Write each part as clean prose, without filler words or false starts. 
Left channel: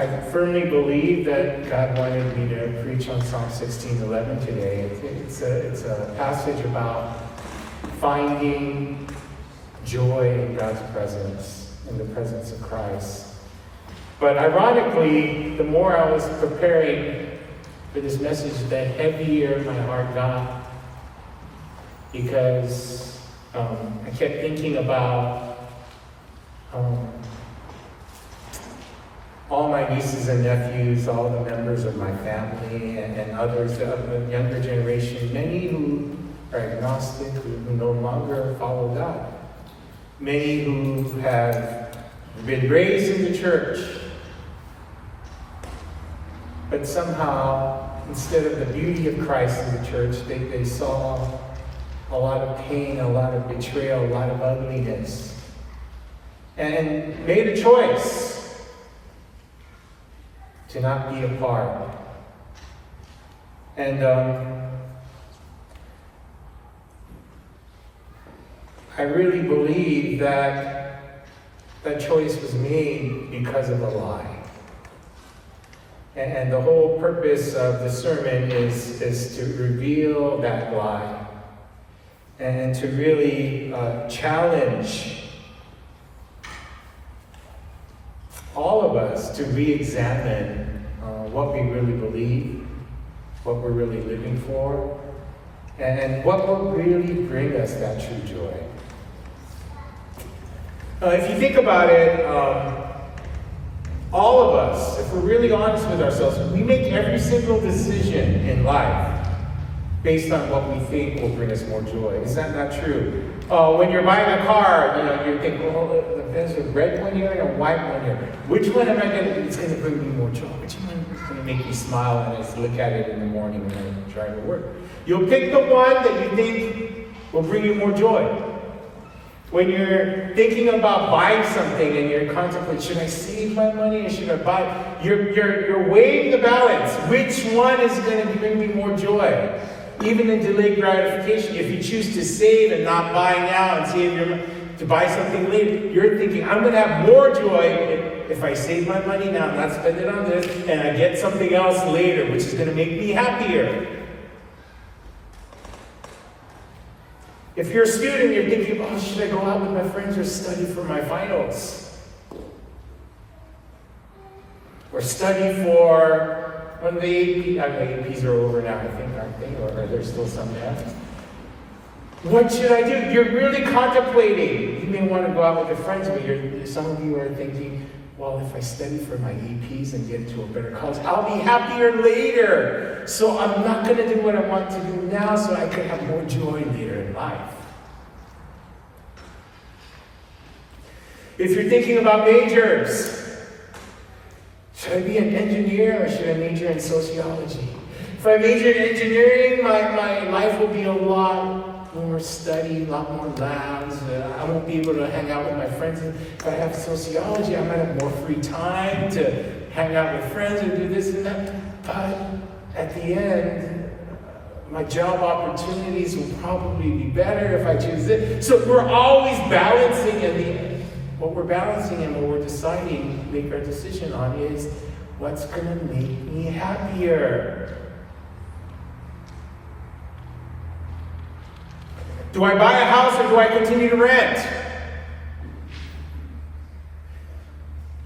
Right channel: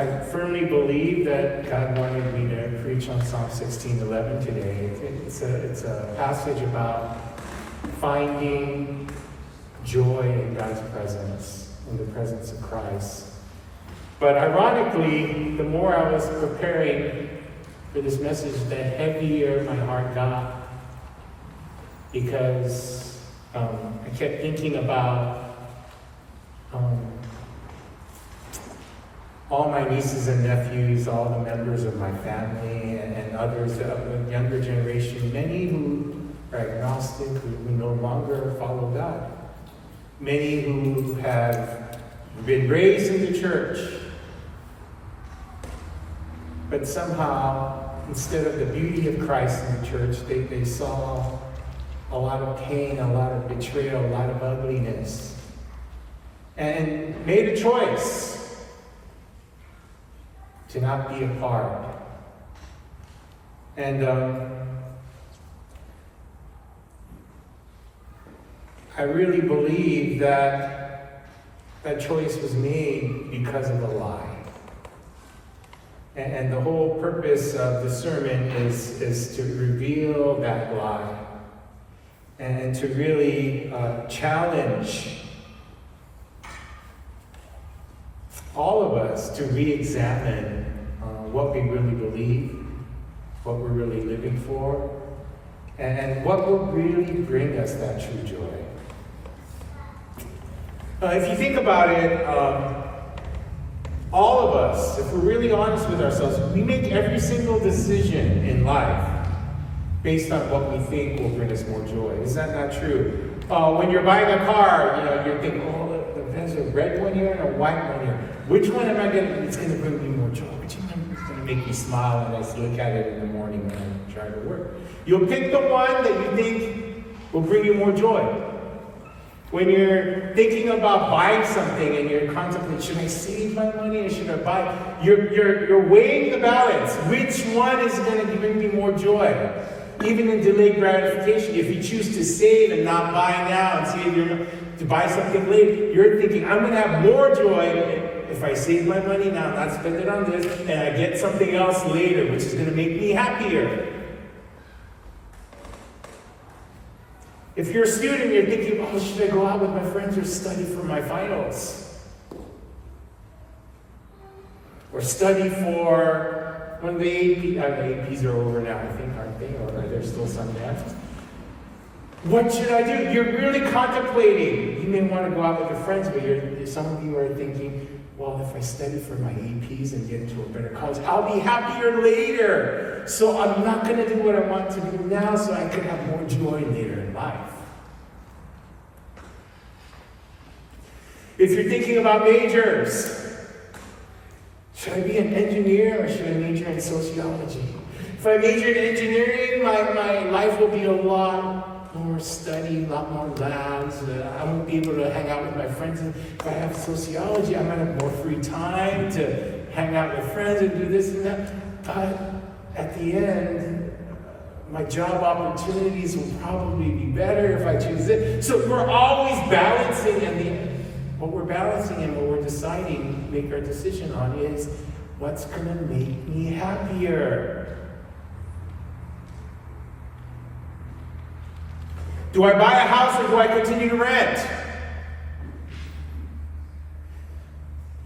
I firmly believe that God wanted me to preach on Psalm 16:11 today. It's a passage about finding joy in God's presence, in the presence of Christ. But ironically, the more I was preparing for this message, the heavier my heart got, because I kept thinking about all my nieces and nephews, all the members of my family, and others of the younger generation, many who are agnostic, who no longer follow God. Many who have been raised in the church, but somehow, instead of the beauty of Christ in the church, they saw a lot of pain, a lot of betrayal, a lot of ugliness, and made a choice to not be a part. And I really believe that that choice was made because of a lie. And the whole purpose of the sermon is to reveal that lie and to really challenge all of us to re-examine what we really believe, what we're really living for, and what will really bring us that true joy. If you think about it, all of us, if we're really honest with ourselves, we make every single decision in life based on what we think will bring us more joy. Is that not true? When you're buying a car, you're thinking, well, there's a red one here and a white one here. Which one am I going to, it's going to bring me more joy? Which one is going to make me smile when I look at it in the morning when I'm trying to work? You'll pick the one that you think will bring you more joy. When you're thinking about buying something and you're contemplating, should I save my money or should I buy? You're weighing the balance. Which one is going to bring me more joy? Even in delayed gratification, if you choose to save and not buy now and save to buy something later, you're thinking, I'm going to have more joy if I save my money now, not spend it on this, and I get something else later, which is going to make me happier. If you're a student, you're thinking, oh, should I go out with my friends or study for my finals? Or study for when the APs are over now, I think, aren't they? Or are there still some there? What should I do? You're really contemplating. You may want to go out with your friends, but some of you are thinking, well, if I study for my APs and get into a better college, I'll be happier later. So I'm not going to do what I want to do now so I can have more joy later in life. If you're thinking about majors, should I be an engineer or should I major in sociology? If I major in engineering, my life will be a lot more study, a lot more labs. I won't be able to hang out with my friends. If I have sociology, I might have more free time to hang out with friends and do this and that. But at the end, my job opportunities will probably be better if I choose it. So we're always balancing, and what we're balancing and what we're deciding to make our decision on is what's going to make me happier. Do I buy a house or do I continue to rent?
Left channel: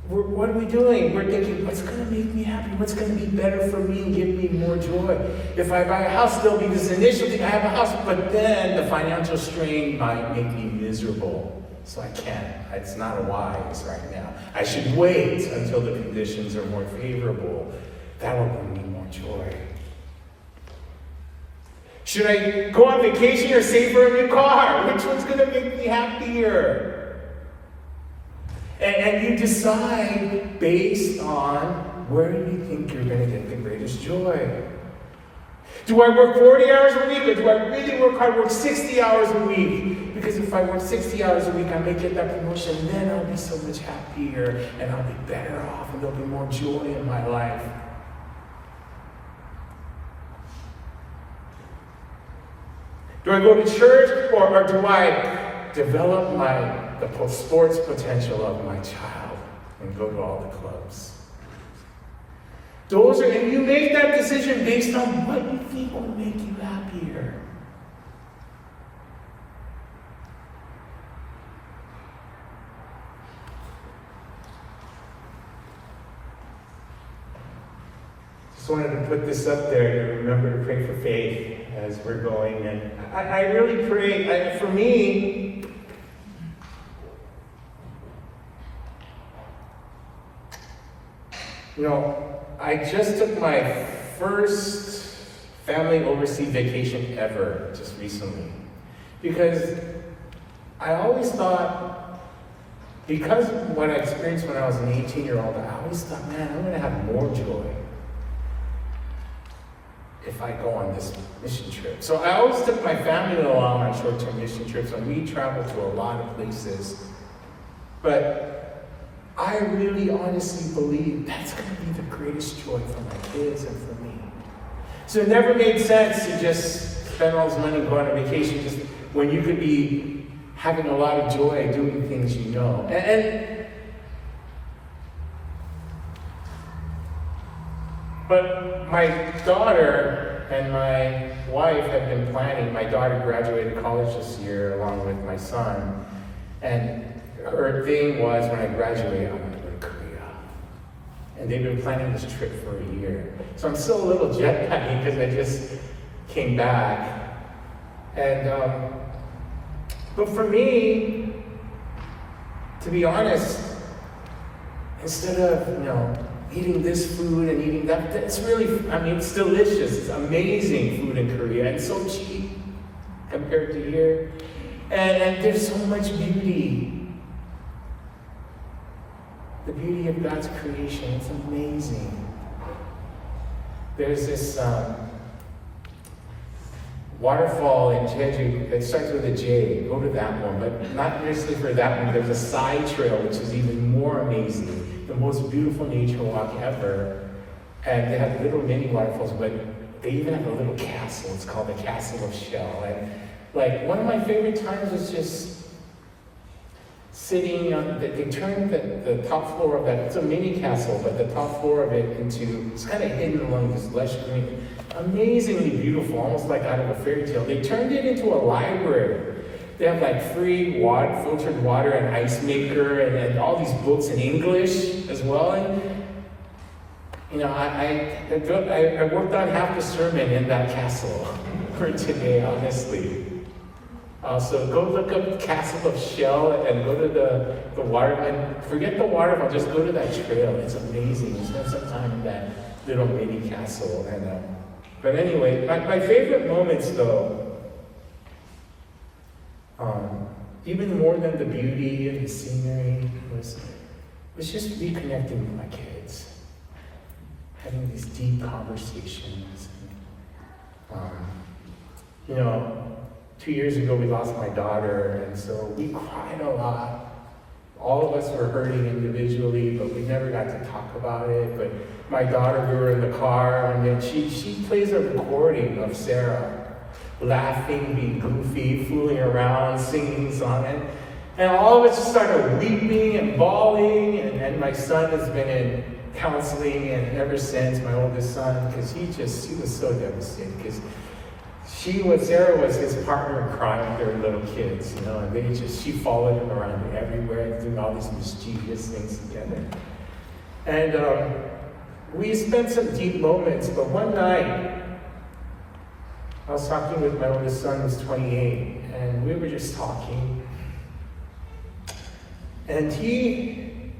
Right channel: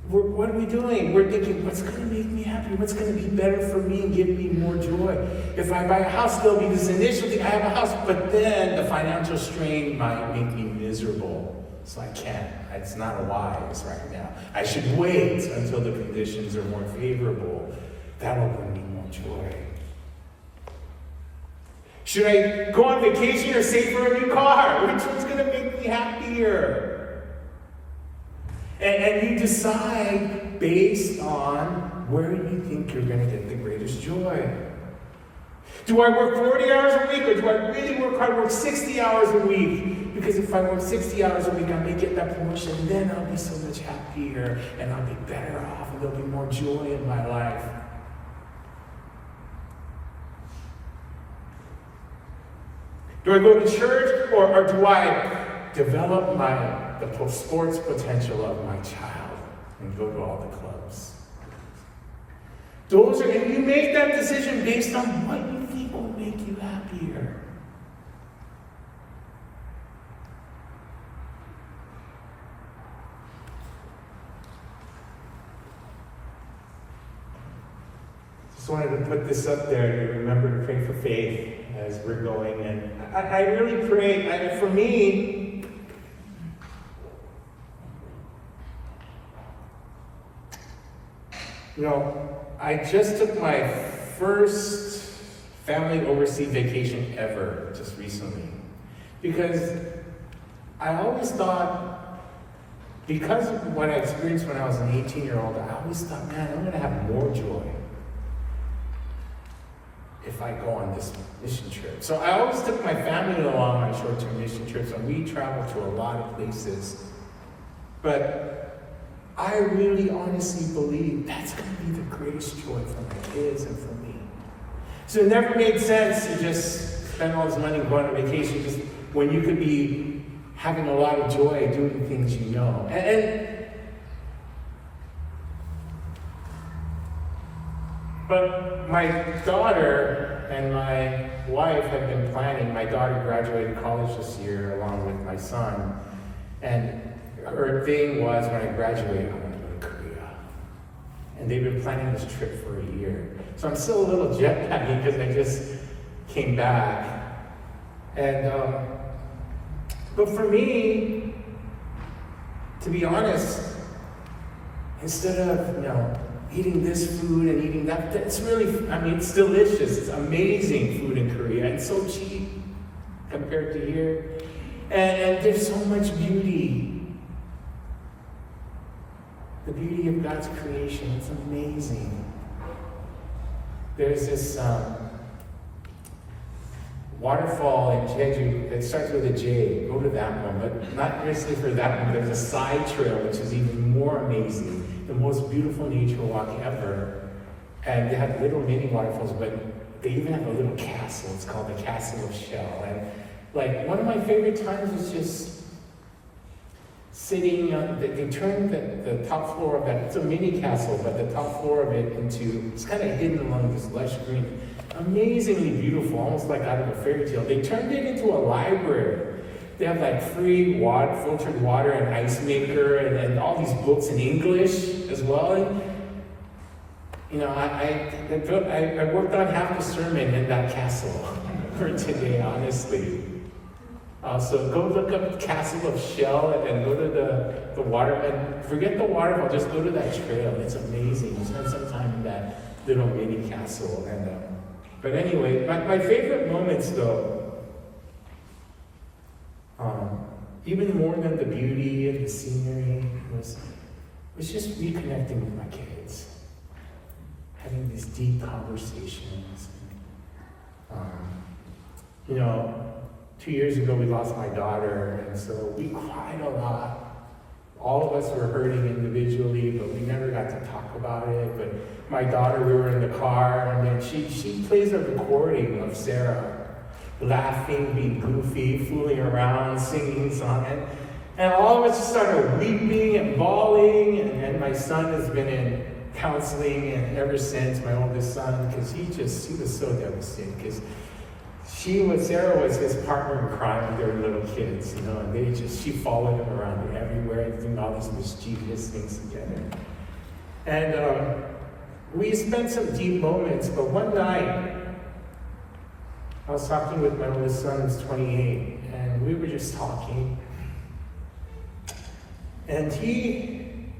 What are we doing? We're thinking, what's going to make me happy? What's going to be better for me and give me more joy? If I buy a house, there'll be this initial thing, I have a house, but then the financial strain might make me miserable. So I can't. It's not wise right now. I should wait until the conditions are more favorable. That'll bring me more joy. Should I go on vacation or save for a new car? Which one's going to make me happier? And you decide based on where you think you're going to get the greatest joy. Do I work 40 hours a week or do I really work hard, work 60 hours a week? Because if I work 60 hours a week, I may get that promotion, then I'll be so much happier and I'll be better off and there'll be more joy in my life. Do I go to church or do I develop the sports potential of my child and go to all the clubs? And you make that decision based on what you think will make you happier. Just wanted to put this up there to remember to pray for faith as we're going. And I really pray, for me, I just took my first family overseas vacation ever just recently. Because I always thought, because of what I experienced when I was an 18-year-old, I always thought, man, I'm going to have more joy if I go on this mission trip. So I always took my family along on short-term mission trips, and we traveled to a lot of places. But I really honestly believe that's going to be the greatest joy for my kids and for me. So it never made sense to just spend all this money going on vacation just when you could be having a lot of joy doing things you know. But my daughter and my wife have been planning. My daughter graduated college this year along with my son. And her thing was, when I graduate, I'm going to go to Korea. And they've been planning this trip for a year. So I'm still a little jet lagged because I just came back. And, but for me, to be honest, instead of, eating this food and eating that, that's really, it's delicious. It's amazing food in Korea, and so cheap compared to here. And there's so much beauty. The beauty of God's creation, it's amazing. There's this waterfall in Jeju that starts with a J. Go to that one, but not necessarily for that one. There's a side trail, which is even more amazing. The most beautiful nature walk ever. And they have little mini waterfalls, but they even have a little castle. It's called the Castle of Shell. And one of my favorite times was just sitting on, they turned the top floor of that, it's a mini castle, but the top floor of it it's kind of hidden along this lush green, amazingly beautiful, almost like out of a fairy tale. They turned it into a library. They have free water, filtered water, and ice maker, and all these books in English as well. And, I worked on half the sermon in that castle for today, honestly. So go look up Castle of Shell and go to the water, and forget the waterfall, just go to that trail. It's amazing. You spend some time in that little mini castle. But anyway, my favorite moments though, even more than the beauty and the scenery, was just reconnecting with my kids, having these deep conversations. 2 years ago we lost my daughter, and so we cried a lot. All of us were hurting individually, but we never got to talk about it. But my daughter, we were in the car, and then she plays a recording of Sarah, laughing, being goofy, fooling around, singing a song. And all of us just started weeping and bawling. And then my son has been in counseling, and ever since, my oldest son, because he was so devastated, because Sarah was his partner in crime with their little kids, and she followed him around everywhere, doing all these mischievous things together. And we spent some deep moments, but one night, I was talking with my oldest son, who's 28, and we were just talking. And he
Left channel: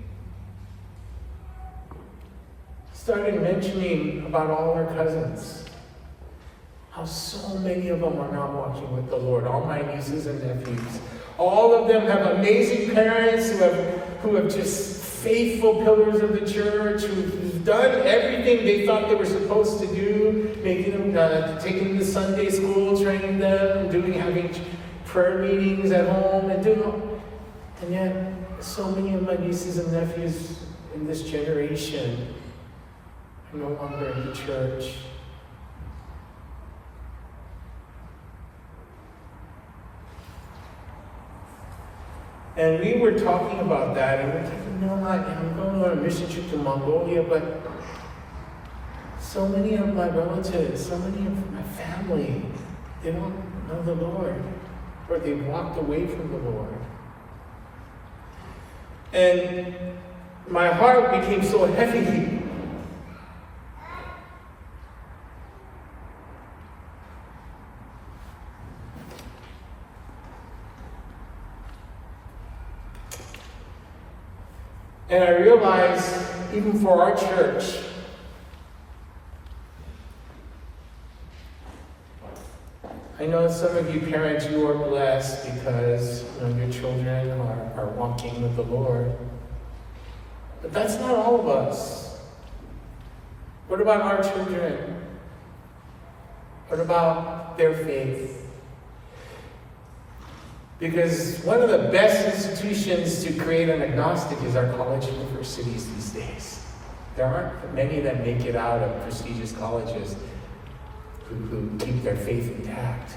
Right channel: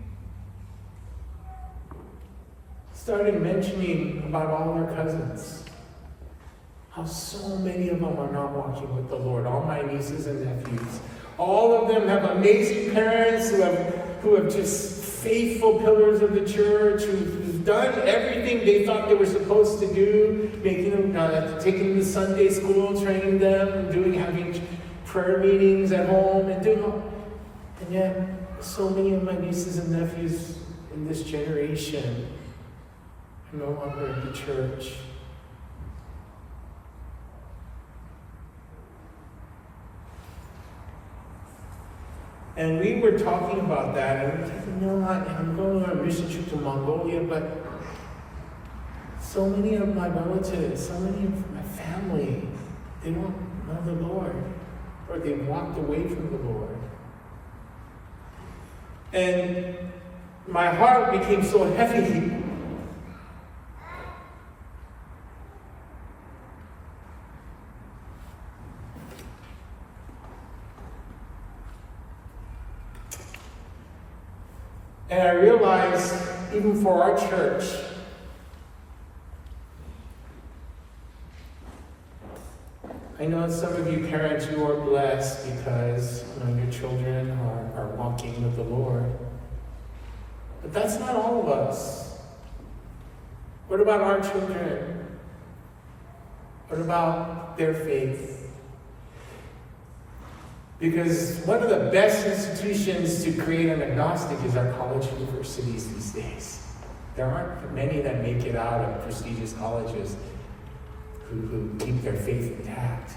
started mentioning about all our cousins. How so many of them are not walking with the Lord. All my nieces and nephews. All of them have amazing parents who have just faithful pillars of the church, who've done everything they thought they were supposed to do, making them, taking them to Sunday school, training them, having prayer meetings at home, and yet so many of my nieces and nephews in this generation are no longer in the church. And we were talking about that, and we were thinking, I'm going on a mission trip to Mongolia, but So many of my relatives, so many of my family, they don't know the Lord, or they've walked away from the Lord. And my heart became so heavy. And I realized, even for our church, I know some of you parents, you are blessed because your children are walking with the Lord. But that's not all of us. What about our children? What about their faith? Because one of the best institutions to create an agnostic is our college universities these days. There aren't many that make it out of prestigious colleges who keep their faith intact.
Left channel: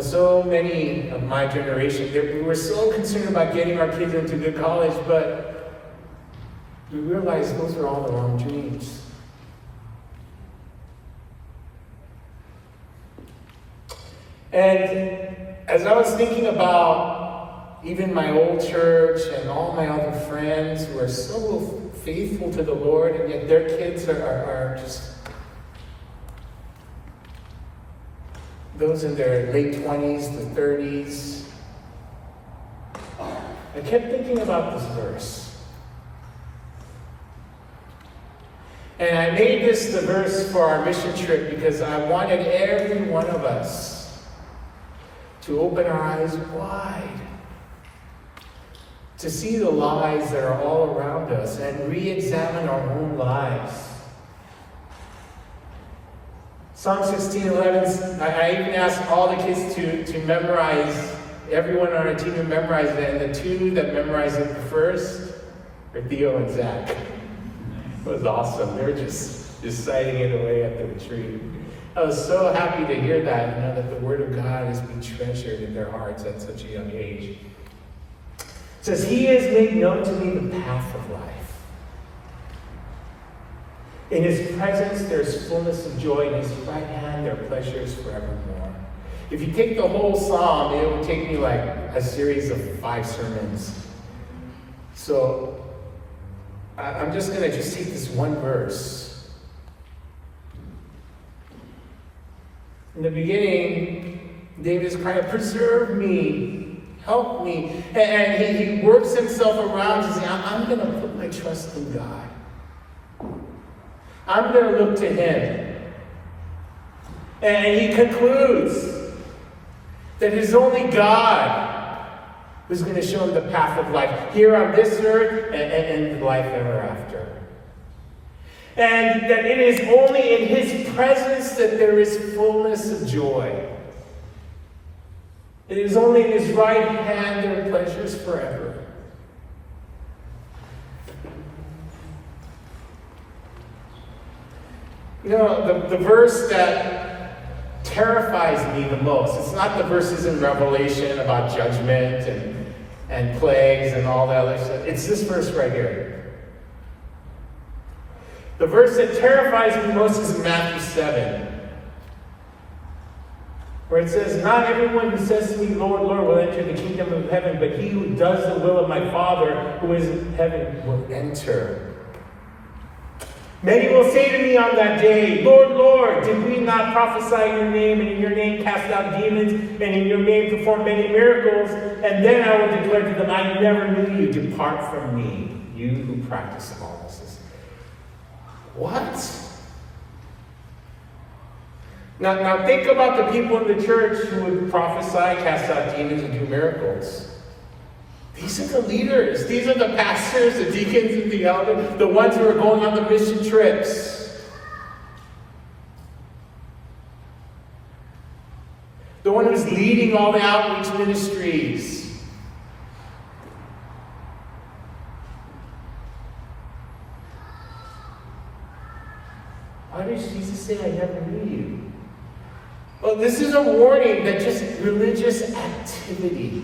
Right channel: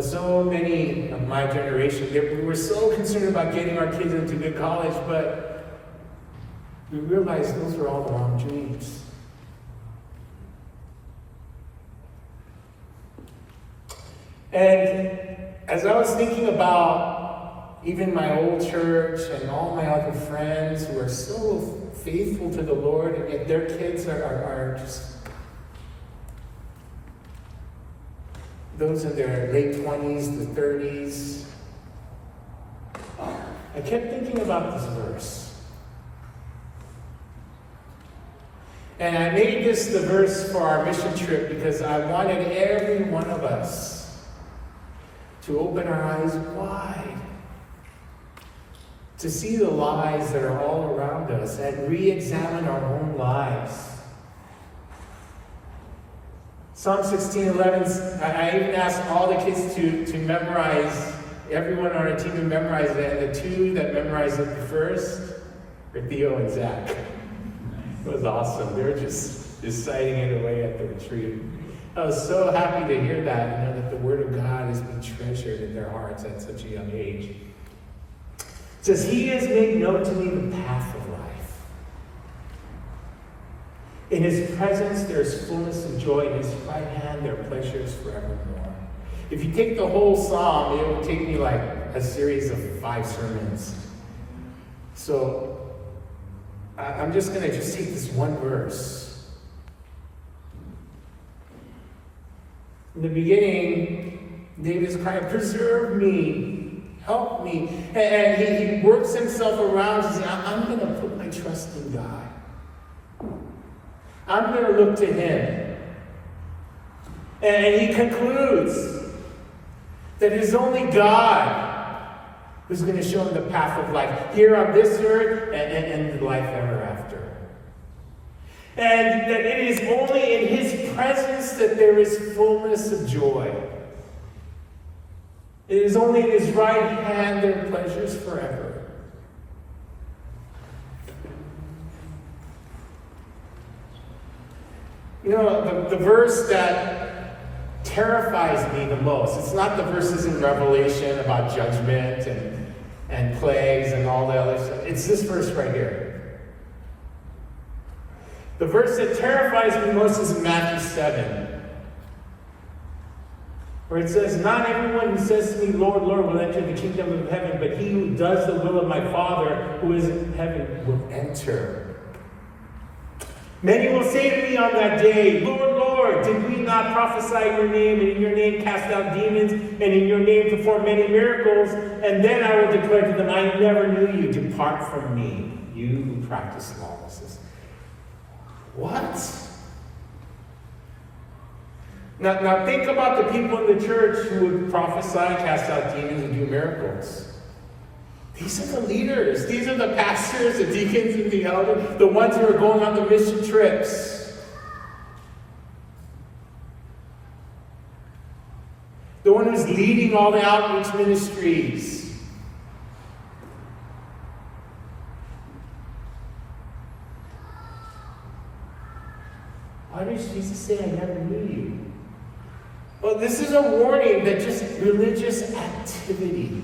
So many of my generation, we were so concerned about getting our kids into good college, but we realized those are all the wrong dreams. And as I was thinking about even my old church and all my other friends who are so faithful to the Lord, and yet their kids are just those in their late 20s to 30s, I kept thinking about this verse. And I made this the verse for our mission trip because I wanted every one of us to open our eyes wide, to see the lies that are all around us and re-examine our own lives. Psalm 16:11, I even asked all the kids to memorize, everyone on our team to memorize it, and the two that memorized it first were Theo and Zach. It was awesome. They were just citing it away at the retreat. I was so happy to hear that, that the Word of God has been treasured in their hearts at such a young age. It says, He has made known to me the path of life. In His presence there is fullness of joy. In His right hand there are pleasures forevermore. If you take the whole psalm, it will take me like a series of 5 sermons. So I'm just going to take this one verse. In the beginning, David's crying, preserve me, help me. And he works himself around and says, I'm going to put my trust in God. I'm going to look to Him. And he concludes that it is only God who's going to show him the path of life here on this earth and life ever after. And that it is only in His presence that there is fullness of joy. It is only in His right hand there are pleasures forever. The verse that terrifies me the most, it's not the verses in Revelation about judgment and plagues and all the other stuff. It's this verse right here. The verse that terrifies me most is Matthew 7, where it says, not everyone who says to me, Lord, Lord, will enter the kingdom of heaven, but he who does the will of my Father who is in heaven will enter. Many will say to me on that day, Lord, Lord, did we not prophesy in your name, and in your name cast out demons, and in your name perform many miracles? And then I will declare to them, I never knew you. Depart from me, you who practice lawlessness. What? Now think about the people in the church who would prophesy, cast out demons, and do miracles. These are the leaders. These are the pastors, the deacons, and the elders, the ones who are going on the mission trips. The one who's leading all the outreach ministries. Why does Jesus say, I never knew you? Well, this is a warning that just religious activity,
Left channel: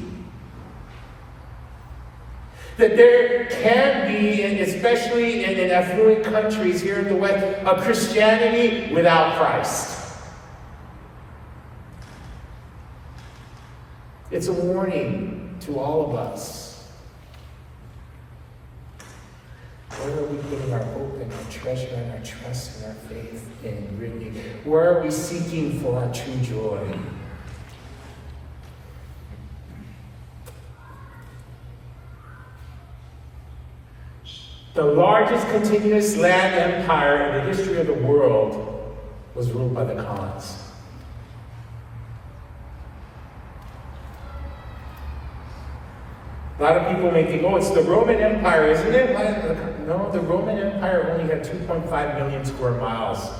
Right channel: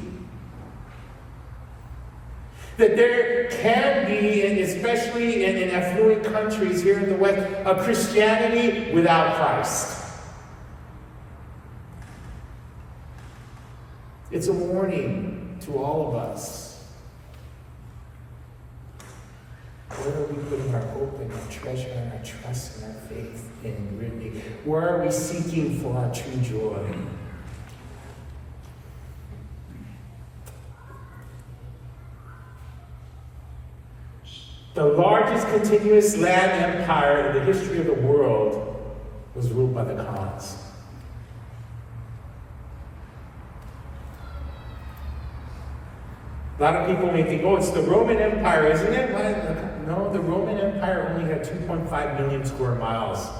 That there can be, and especially in affluent countries here in the West, a Christianity without Christ. It's a warning to all of us. Where are we putting our hope and our treasure and our trust and our faith in, really? Where are we seeking for our true joy? The largest continuous land empire in the history of the world was ruled by the Khans. A lot of people may think, oh, it's the Roman Empire, isn't it? No, the Roman Empire only had 2.5 million square miles.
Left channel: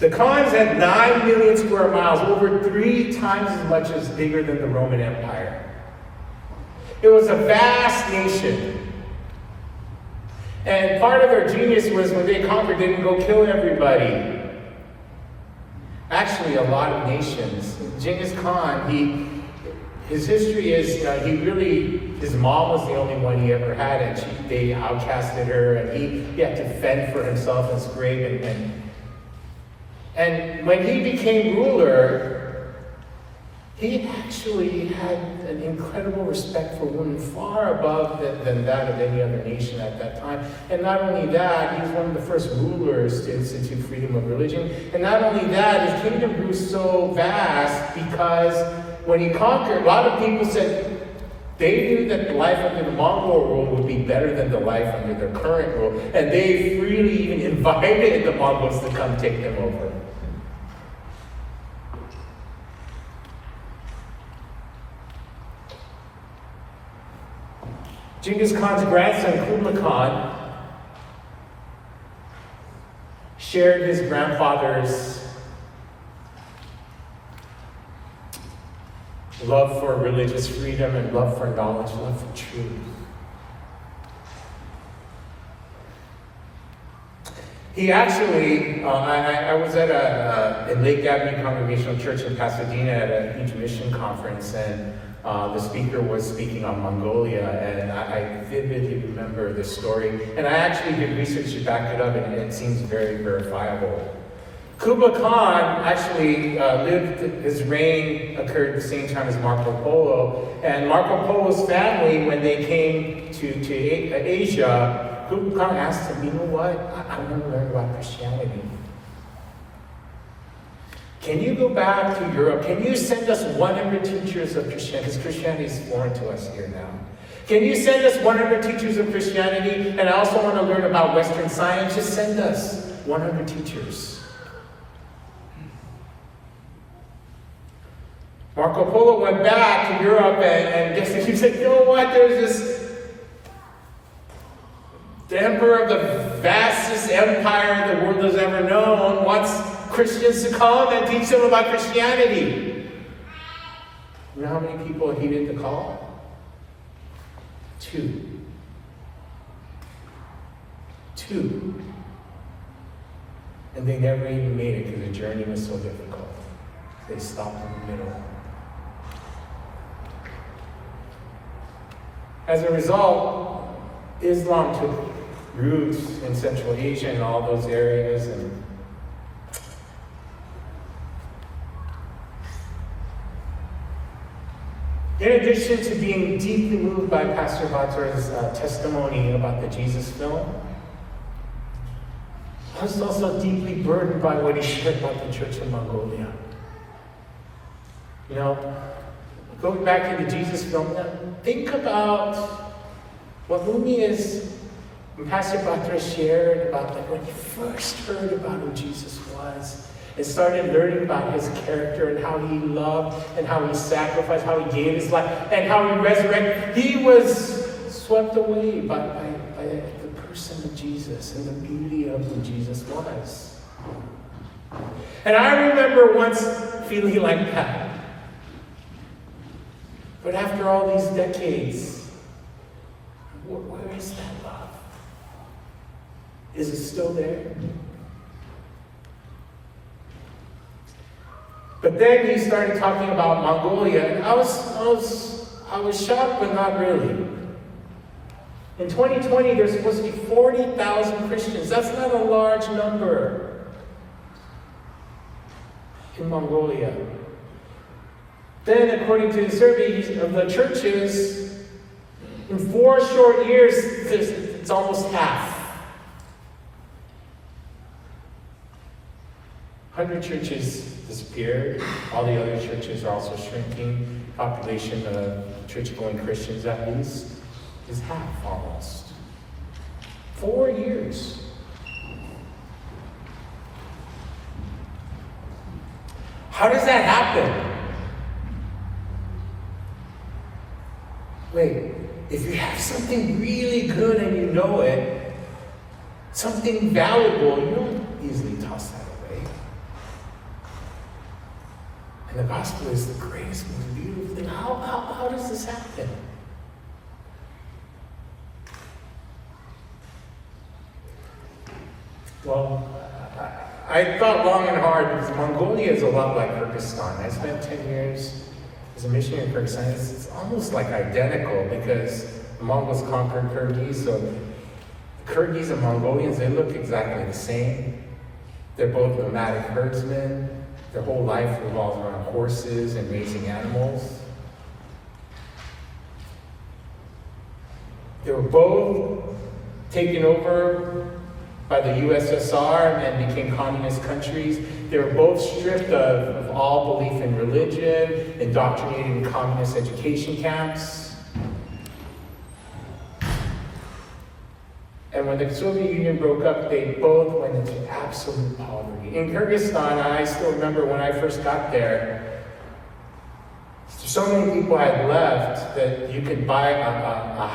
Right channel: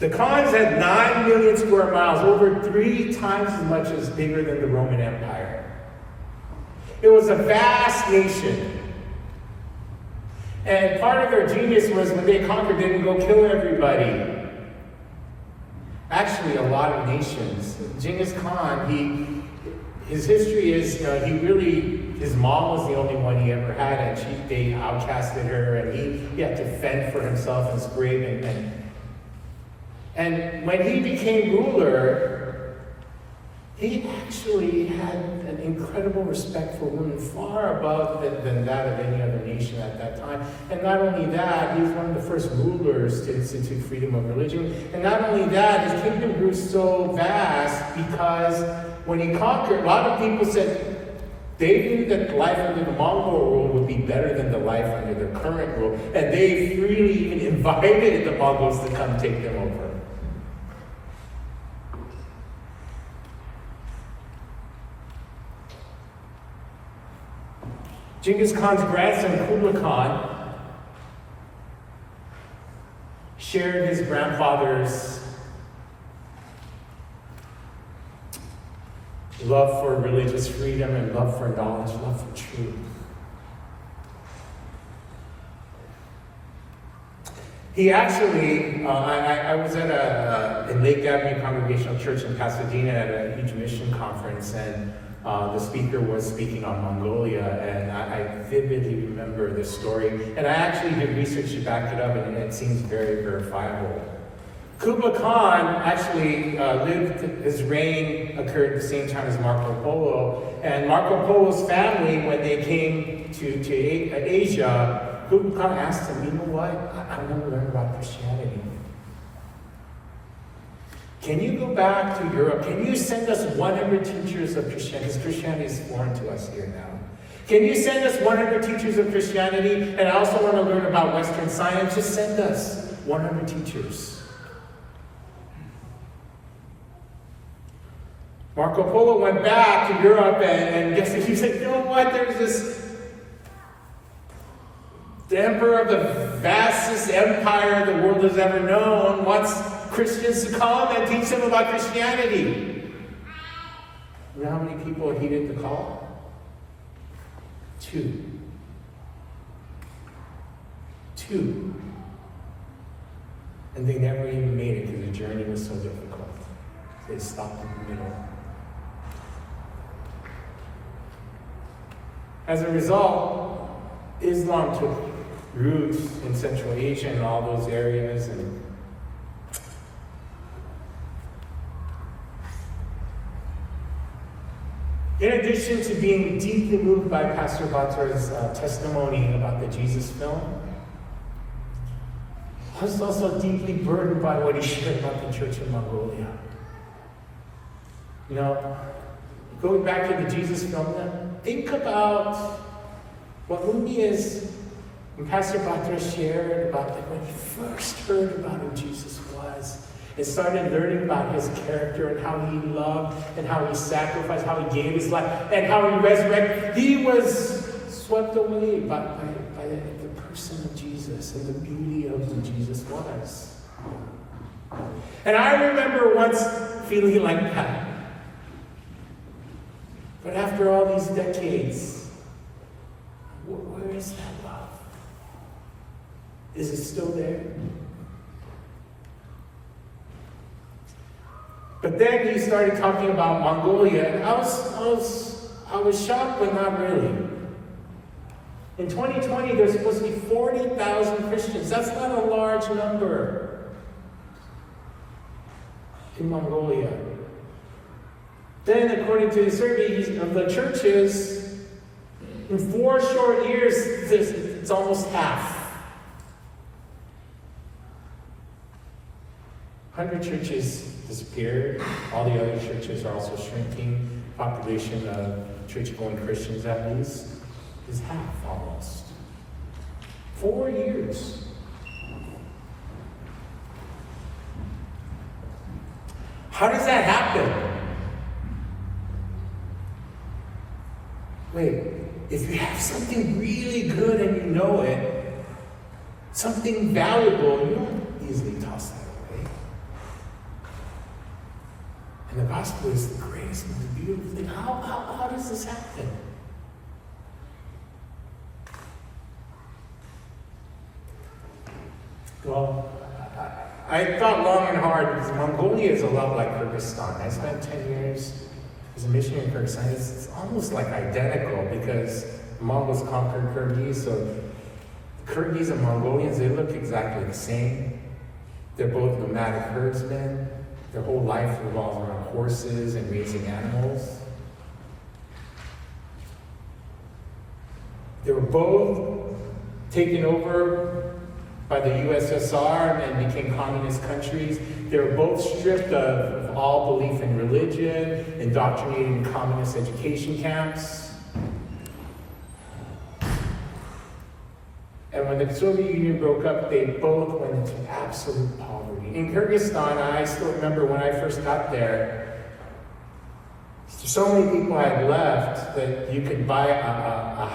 The Khans had 9 million square miles, over 3 times as much as bigger than the Roman Empire. It was a vast nation. And part of their genius was when they conquered, they didn't go kill everybody. Actually, a lot of nations. Genghis Khan, his history is, his mom was the only one he ever had, and they outcasted her, and he had to fend for himself in his grave. And when he became ruler, he actually had an incredible respect for women, far above than that of any other nation at that time. And not only that, he was one of the first rulers to institute freedom of religion. And not only that, his kingdom grew so vast because when he conquered, a lot of people said they knew that the life under the Mongol rule would be better than the life under their current rule. And they freely even invited the Mongols to come take them over. Genghis Khan's grandson, Kublai Khan, shared his grandfather's love for religious freedom and love for knowledge, love for truth. He actually, I was at a Lake Avenue Congregational Church in Pasadena at a huge mission conference, and the speaker was speaking on Mongolia, and I vividly remember the story. And I actually did research to back it up, and it seems very verifiable. Kublai Khan actually his reign occurred at the same time as Marco Polo. And Marco Polo's family, when they came to Asia, Kublai Khan asked him, you know what, I want to learn about Christianity. Can you go back to Europe? Can you send us 100 teachers of Christianity? Because Christianity is foreign to us here now. Can you send us 100 teachers of Christianity? And I also want to learn about Western science. Just send us 100 teachers. Marco Polo went back to Europe and he said, you know what? There's this the emperor of the vastest empire the world has ever known wants Christians to come and teach them about Christianity. You know how many people heeded the call? 2. 2. And they never even made it because the journey was so difficult. They stopped in the middle. As a result, Islam took roots in Central Asia and all those areas, and in addition to being deeply moved by Pastor Batra's testimony about the Jesus film, I was also deeply burdened by what he shared about the church in Mongolia. You know, going back to the Jesus film, think about what Lumi is, when Pastor Batra shared about when he first heard about who Jesus was, and started learning about his character and how he loved and how he sacrificed, how he gave his life, and how he resurrected. He was swept away by the person of Jesus and the beauty of who Jesus was. And I remember once feeling like that. But after all these decades, where is that love? Is it still there? But then he started talking about Mongolia, and I was shocked, but not really. In 2020, there's supposed to be 40,000 Christians. That's not a large number in Mongolia. Then, according to the survey of the churches, in 4 short years, it's almost half. 100 churches disappeared. All the other churches are also shrinking. Population of church-going Christians, at least, is half almost. 4 years. How does that happen? Wait, if you have something really good and you know it, something valuable, you won't easily toss that away. And the gospel is the greatest, most beautiful thing. How does this happen? Well, I thought long and hard because Mongolia is a lot like Kyrgyzstan. I spent 10 years as a missionary in Kyrgyzstan. It's almost like identical because the Mongols conquered Kyrgyz, so the Kyrgyz and Mongolians, they look exactly the same. They're both nomadic herdsmen. Their whole life revolves around horses and raising animals. They were both taken over by the USSR and became communist countries. They were both stripped of all belief in religion, indoctrinated in communist education camps. And when the Soviet Union broke up, they both went into absolute poverty. In Kyrgyzstan, I still remember when I first got there, so many people had left that you could buy a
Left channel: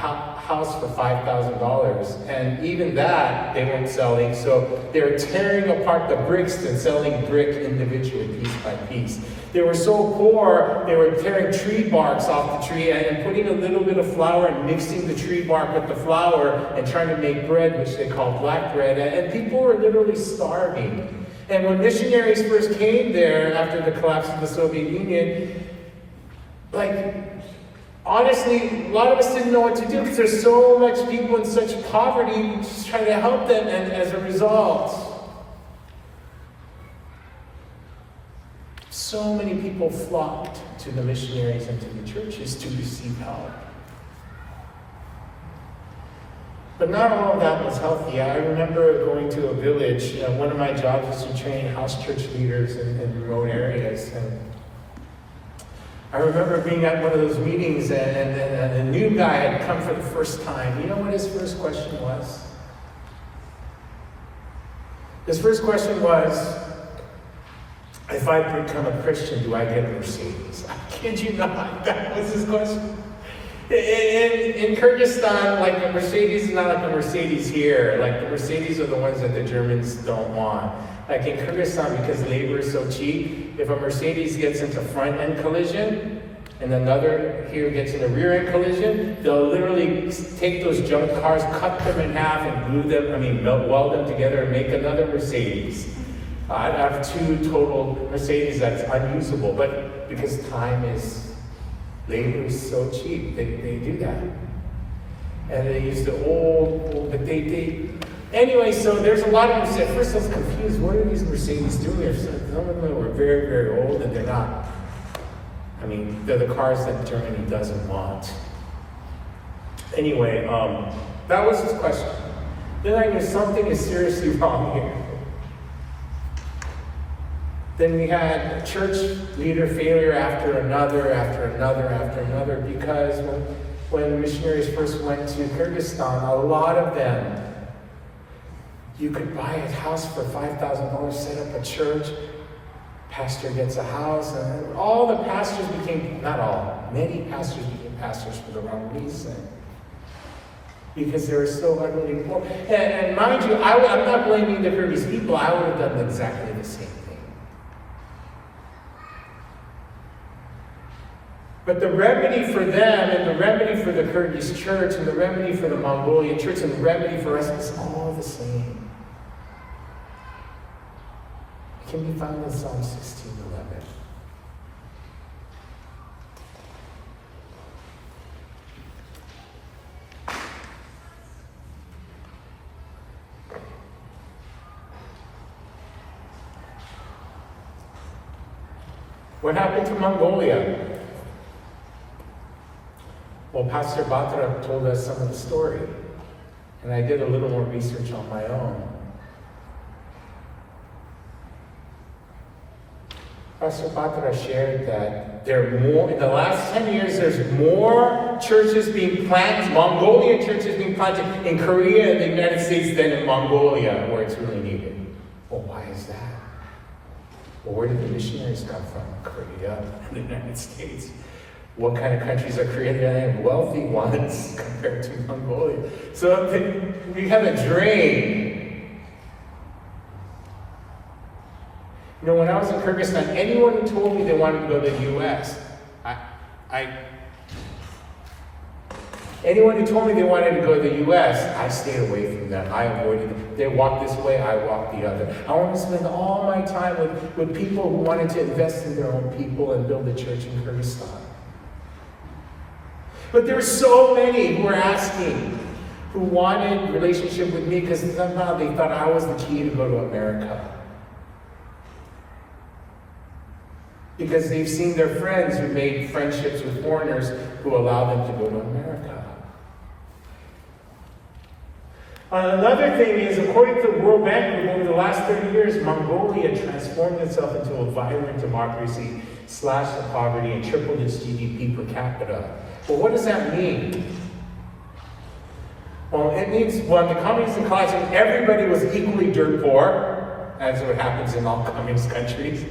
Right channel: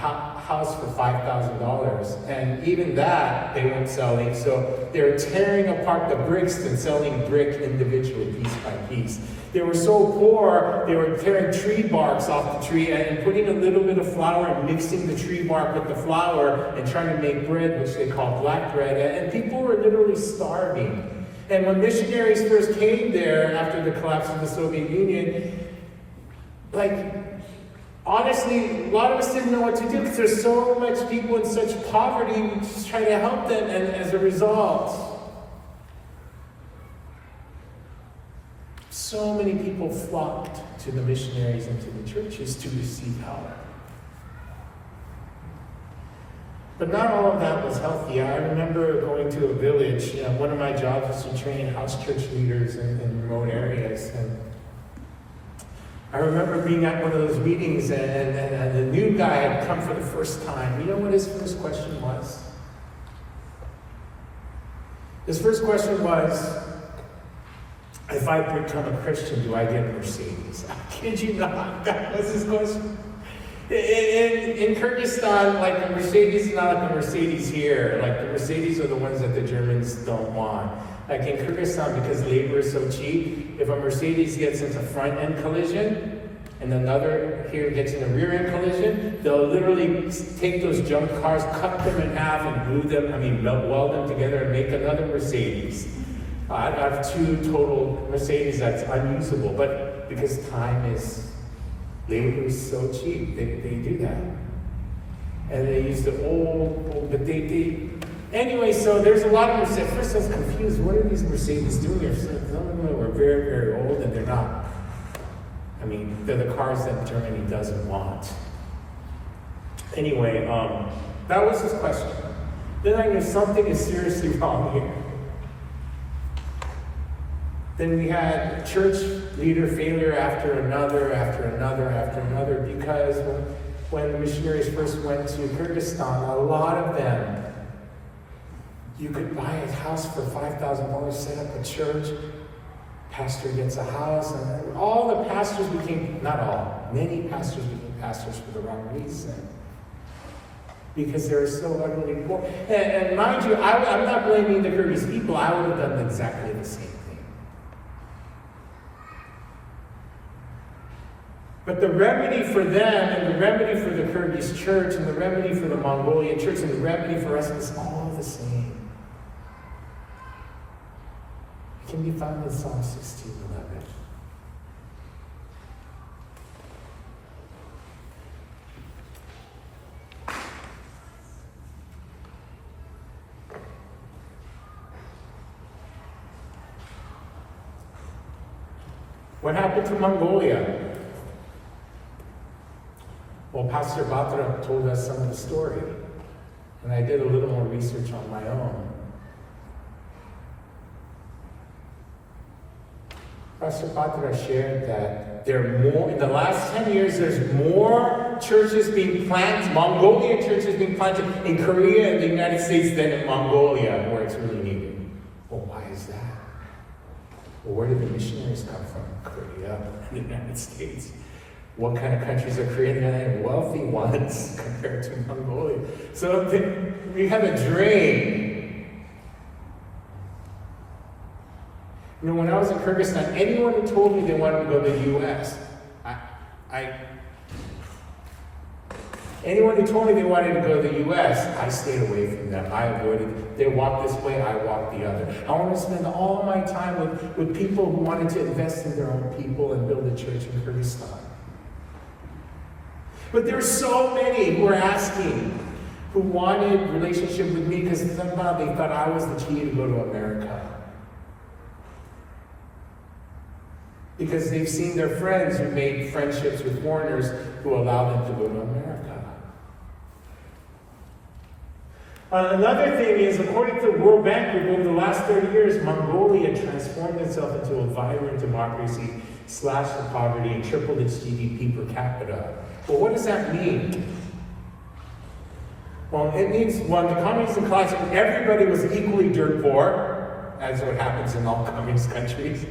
house for $5,000, and even that they weren't selling. So they were tearing apart the bricks and selling brick individually, piece by piece. They were so poor, they were tearing tree barks off the tree and putting a little bit of flour and mixing the tree bark with the flour and trying to make bread, which they call black bread. And people were literally starving. And when missionaries first came there after the collapse of the Soviet Union, honestly, a lot of us didn't know what to do because there's so much people in such poverty. We just try to help them, and as a result, so many people flocked to the missionaries and to the churches to receive help. But not all of that was healthy. I remember going to a village. One of my jobs was to train house church leaders in remote areas. And I remember being at one of those meetings and a new guy had come for the first time. You know what his first question was? His first question was, if I become a Christian, do I get a Mercedes? I kid you not, that was his question. In Kyrgyzstan, a Mercedes is not like a Mercedes here. The Mercedes are the ones that the Germans don't want. In Kyrgyzstan, because labor is so cheap, if a Mercedes gets into front-end collision and another here gets in a rear-end collision, they'll literally take those junk cars, cut them in half, and weld them together and make another Mercedes. I have 2 total Mercedes that's unusable, but because labor is so cheap, they do that. And they use the old, but anyway, so there's a lot of Mercedes. At first I was confused, what are these Mercedes doing here? Some of them are very, very old and they're not. They're the cars that Germany doesn't want. Anyway, that was his question. Then I knew something is seriously wrong here. Then we had church leader failure after another, because when the missionaries first went to Kyrgyzstan, a lot of them, you could buy a house for $5,000, set up a church, pastor gets a house, and all the pastors became, not all, many pastors became pastors for the wrong reason. Because they were so utterly poor. And mind you, I'm not blaming the Kyrgyz people, I would have done exactly the same thing. But the remedy for them, and the remedy for the Kyrgyz church, and the remedy for the Mongolian church, and the remedy for us is all the same. It can be found in Psalm 16:11. What happened to Mongolia? Well, Pastor Batra told us some of the story, and I did a little more research on my own. Pastor Batra shared that in the last 10 years, there's more churches being planted, Mongolian churches being planted in Korea and the United States than in Mongolia, where it's really needed. Well, why is that? Well, where did the missionaries come from? Korea and the United States. What kind of countries are created? And wealthy ones compared to Mongolia. So we have a drain. You know, when I was in Kyrgyzstan, anyone who told me they wanted to go to the U.S., anyone who told me they wanted to go to the U.S., I stayed away from them. I avoided them. They walked this way, I walked the other. I wanted to spend all my time with people who wanted to invest in their own people and build a church in Kyrgyzstan. But there were so many who were asking, who wanted relationship with me because somehow they thought I was the key to go to America. Because they've seen their friends who made friendships with foreigners who allowed them to go to America. Another thing is, according to the World Bank Group, over the last 30 years, Mongolia transformed itself into a vibrant democracy, slashed the poverty, and tripled its GDP per capita. Well, what does that mean? Well, it means when the communist collapsed, everybody was equally dirt poor, as what happens in all communist countries.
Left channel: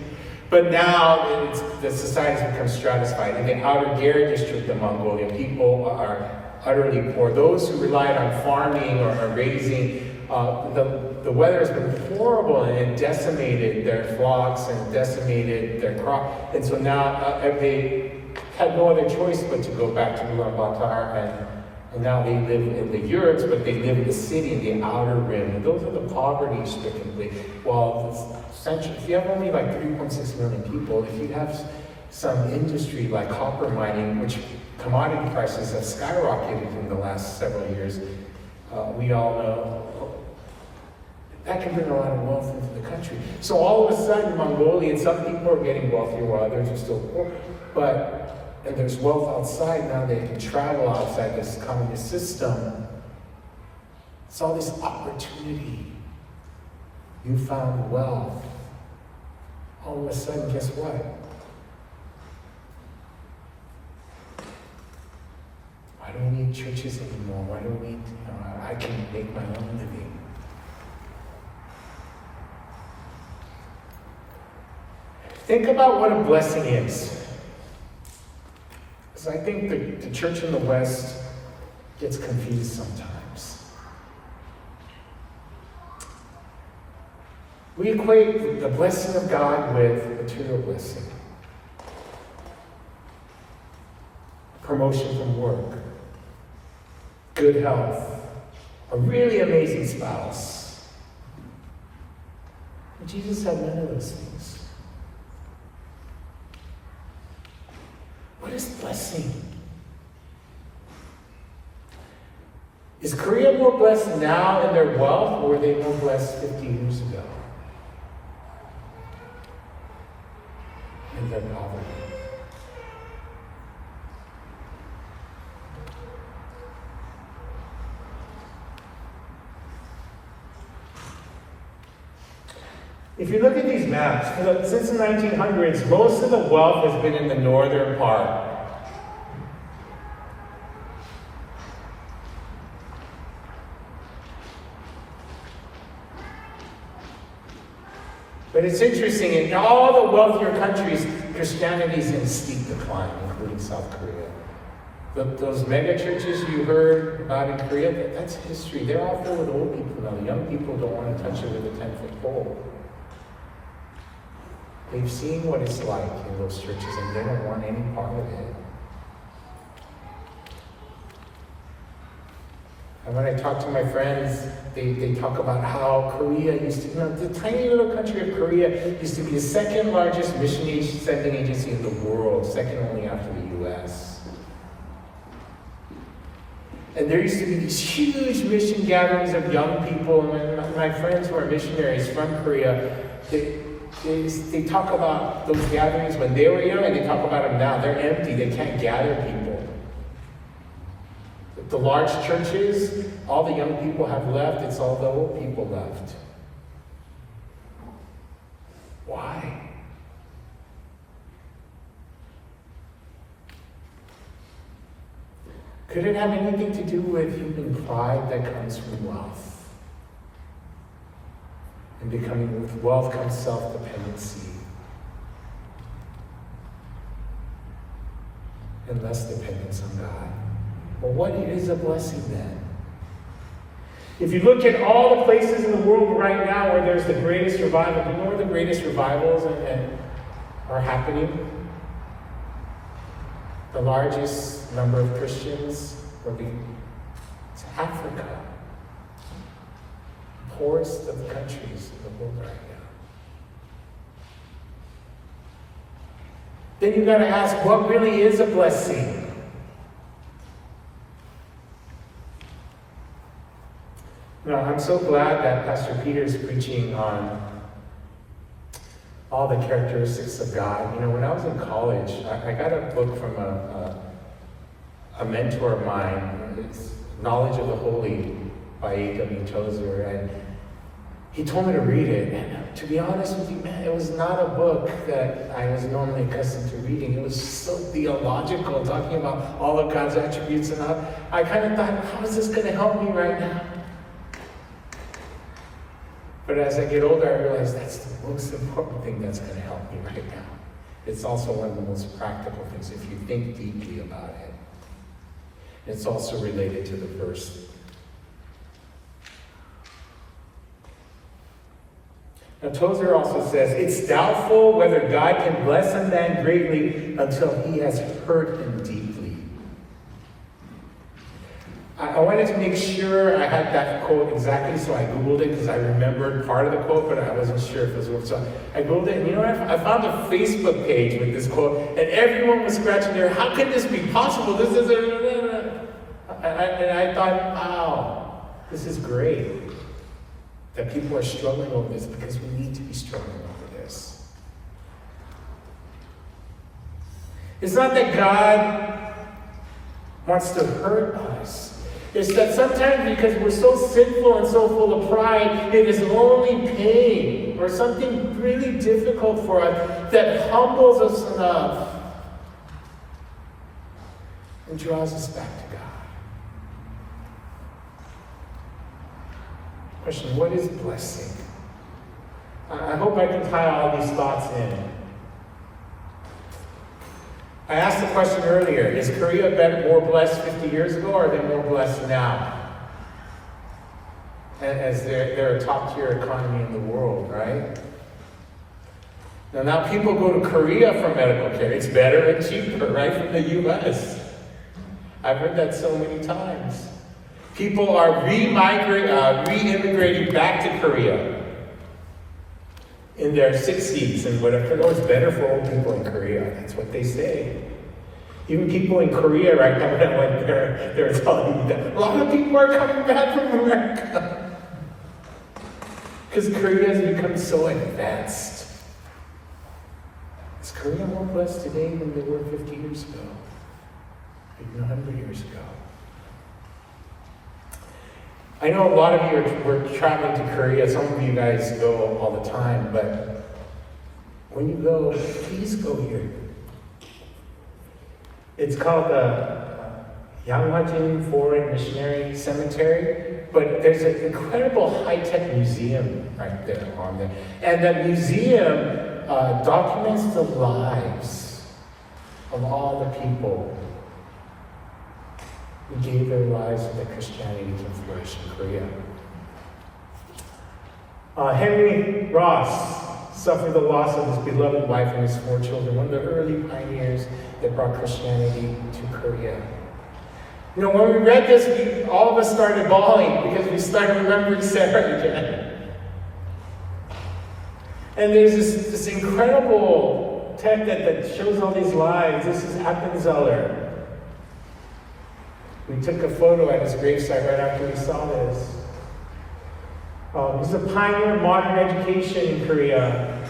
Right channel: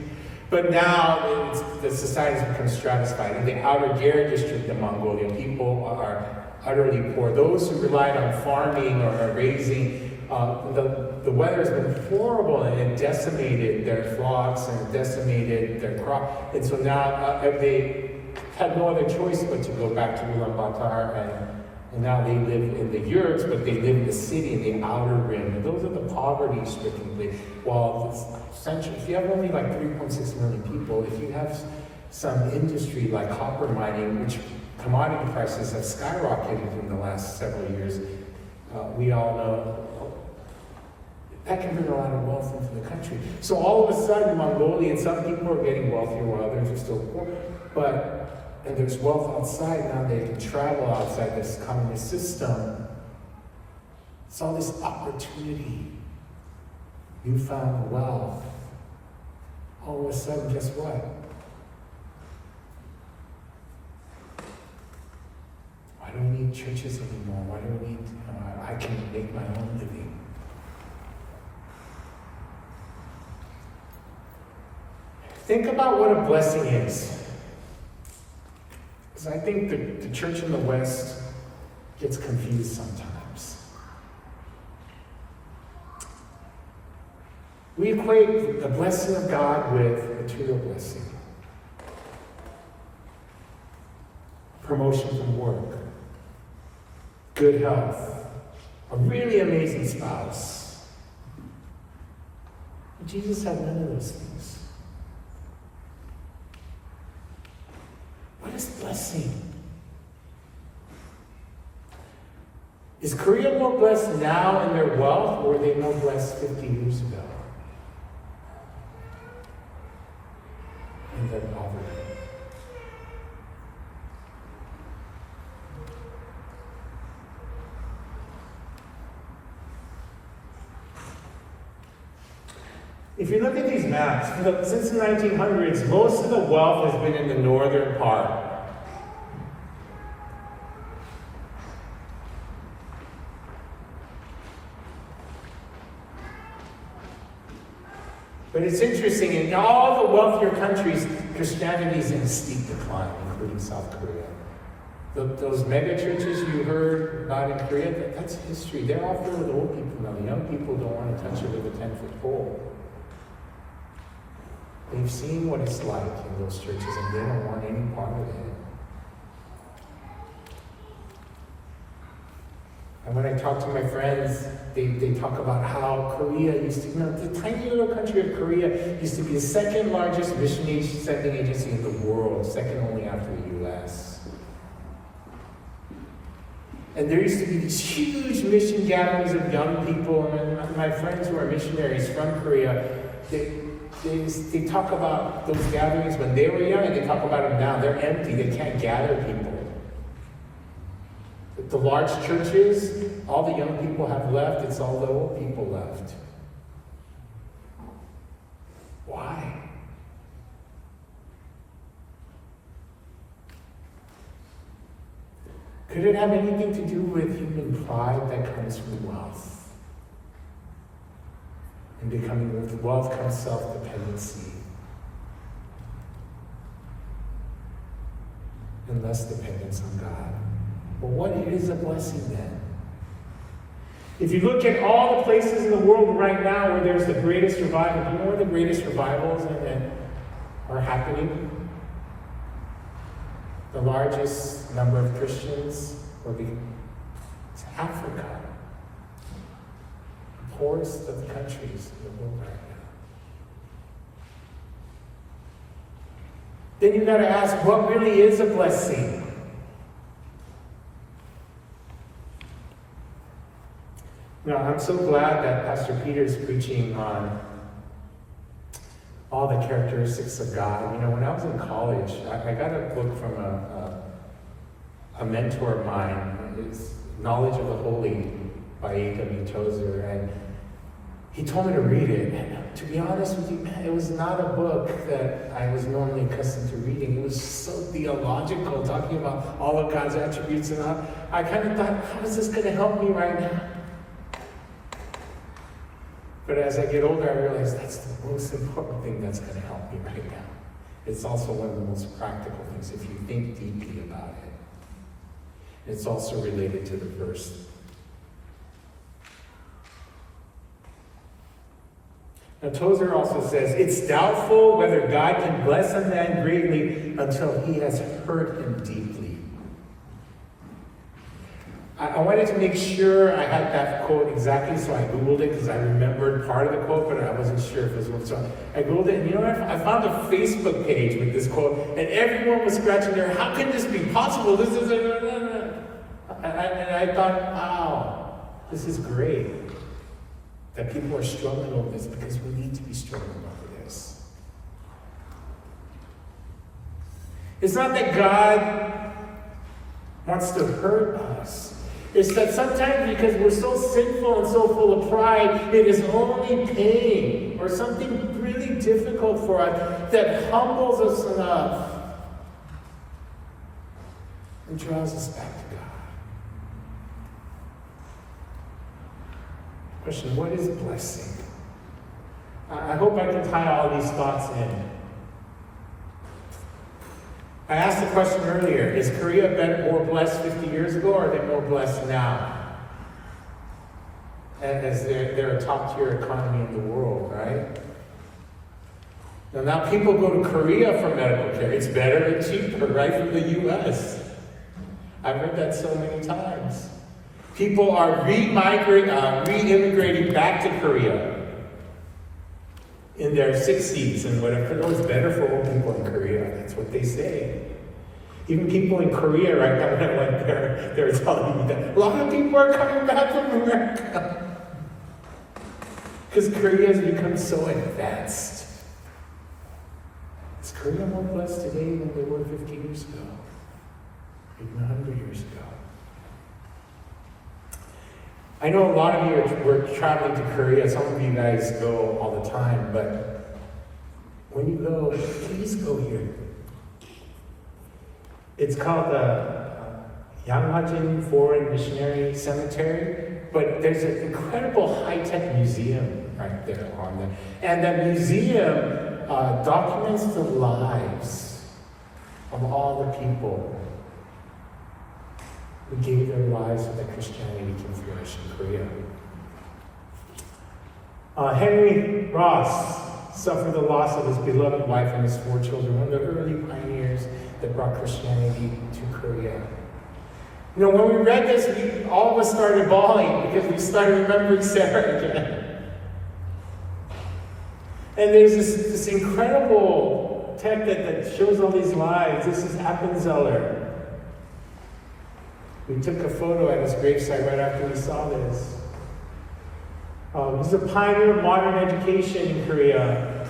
But now the society has become stratified. In the outer Gera district of Mongolia, people are utterly poor. Those who relied on farming or raising, the weather has been horrible and it decimated their flocks and decimated their crop. And so now they had no other choice but to go back to Ulaanbaatar, and now they live in the yurts, but they live in the city, in the outer rim. And those are the poverty-stricken places. Well, if you have only like 3.6 million people, if you have some industry like copper mining, which commodity prices have skyrocketed in the last several years, we all know that can bring a lot of wealth into the country. So all of a sudden, Mongolia, some people are getting wealthier while others are still poor. And there's wealth outside now. They can travel outside this communist system. It's all this opportunity, newfound wealth. All of a sudden, guess what? I don't need churches anymore. I don't need, I can make my own living. Think about what a blessing is. Because I think the church in the West gets confused sometimes. We equate the blessing of God with material blessing. Promotion from work, good health, a really amazing spouse. Jesus had none of those things. What is blessing? Is Korea more blessed now in their wealth, or were they more blessed 50 years ago in their poverty? If you look at these maps, since the 1900s, most of the wealth has been in the northern part. But it's interesting, in all the wealthier countries, Christianity is in a steep decline, including South Korea. Those mega churches you heard about in Korea, that's history. They're all filled with old people now. The young people don't want to touch it with a 10-foot pole. They've seen what it's like in those churches, and they don't want any part of it. And when I talk to my friends, they talk about how Korea used to, the tiny little country of Korea used to be the second largest mission sending agency in the world, second only after the US. And there used to be these huge mission gatherings of young people, and my friends who are missionaries from Korea, they talk about those gatherings when they were young, and they talk about them now. They're empty. They can't gather people. The large churches, all the young people have left. It's all the old people left. Why? Could it have anything to do with human pride that comes from wealth? And becoming, with wealth comes self-dependency. And less dependence on God. Well, what is a blessing then? If you look at all the places in the world right now where there's the greatest revival, do you know where the greatest revivals are happening? The largest number of Christians it's Africa. The poorest of the countries in the world right now. Then you've got to ask, what really is a blessing? No, I'm so glad that Pastor Peter is preaching on all the characteristics of God. You know, when I was in college, I got a book from a mentor of mine. It's Knowledge of the Holy by A.W. Tozer, and he told me to read it. And to be honest with you, man, it was not a book that I was normally accustomed to reading. It was so theological, talking about all of God's attributes and all. I kind of thought, how is this going to help me right now? But as I get older, I realize that's the most important thing that's going to help me right now. It's also one of the most practical things if you think deeply about it. It's also related to the verse. Now, Tozer also says, it's doubtful whether God can bless a man greatly until he has hurt him deeply. I wanted to make sure I had that quote exactly, so I Googled it because I remembered part of the quote, but I wasn't sure if it was real. So I Googled it, and you know what? I found a Facebook page with this quote, and everyone was scratching their head. How could this be possible? This is and I thought, wow, this is great that people are struggling over this, because we need to be struggling over this. It's not that God wants to hurt us. It's that sometimes, because we're so sinful and so full of pride, it is only pain or something really difficult for us that humbles us enough and draws us back to God. Question, what is blessing? I hope I can tie all these thoughts in. I asked the question earlier, is Korea more blessed 50 years ago, or are they more blessed now? As they're a top-tier economy in the world, right? Now people go to Korea for medical care. It's better and cheaper, right, from the U.S. I've heard that so many times. People are re-immigrating back to Korea in their 60s and whatever. It's better for old people in Korea. That's what they say. Even people in Korea right now, when I went there, they're telling me that a lot of people are coming back from America. Because Korea has become so advanced. Is Korea more blessed today than they were 50 years ago? Even 100 years ago? I know a lot of you were traveling to Korea. Some of you guys go all the time, but when you go, please go here. It's called the Yanghajin Foreign Missionary Cemetery, but there's an incredible high-tech museum right there on there. And the museum documents the lives of all the people who gave their lives so that Christianity can flourish in Korea. Henry Ross suffered the loss of his beloved wife and his 4 children, one of the early pioneers that brought Christianity to Korea. You know, when we read this, all of us started bawling because we started remembering Sarah again. And there's this incredible text that shows all these lives. This is Appenzeller. We took a photo at his gravesite right after we saw this. He's a pioneer of modern education in Korea.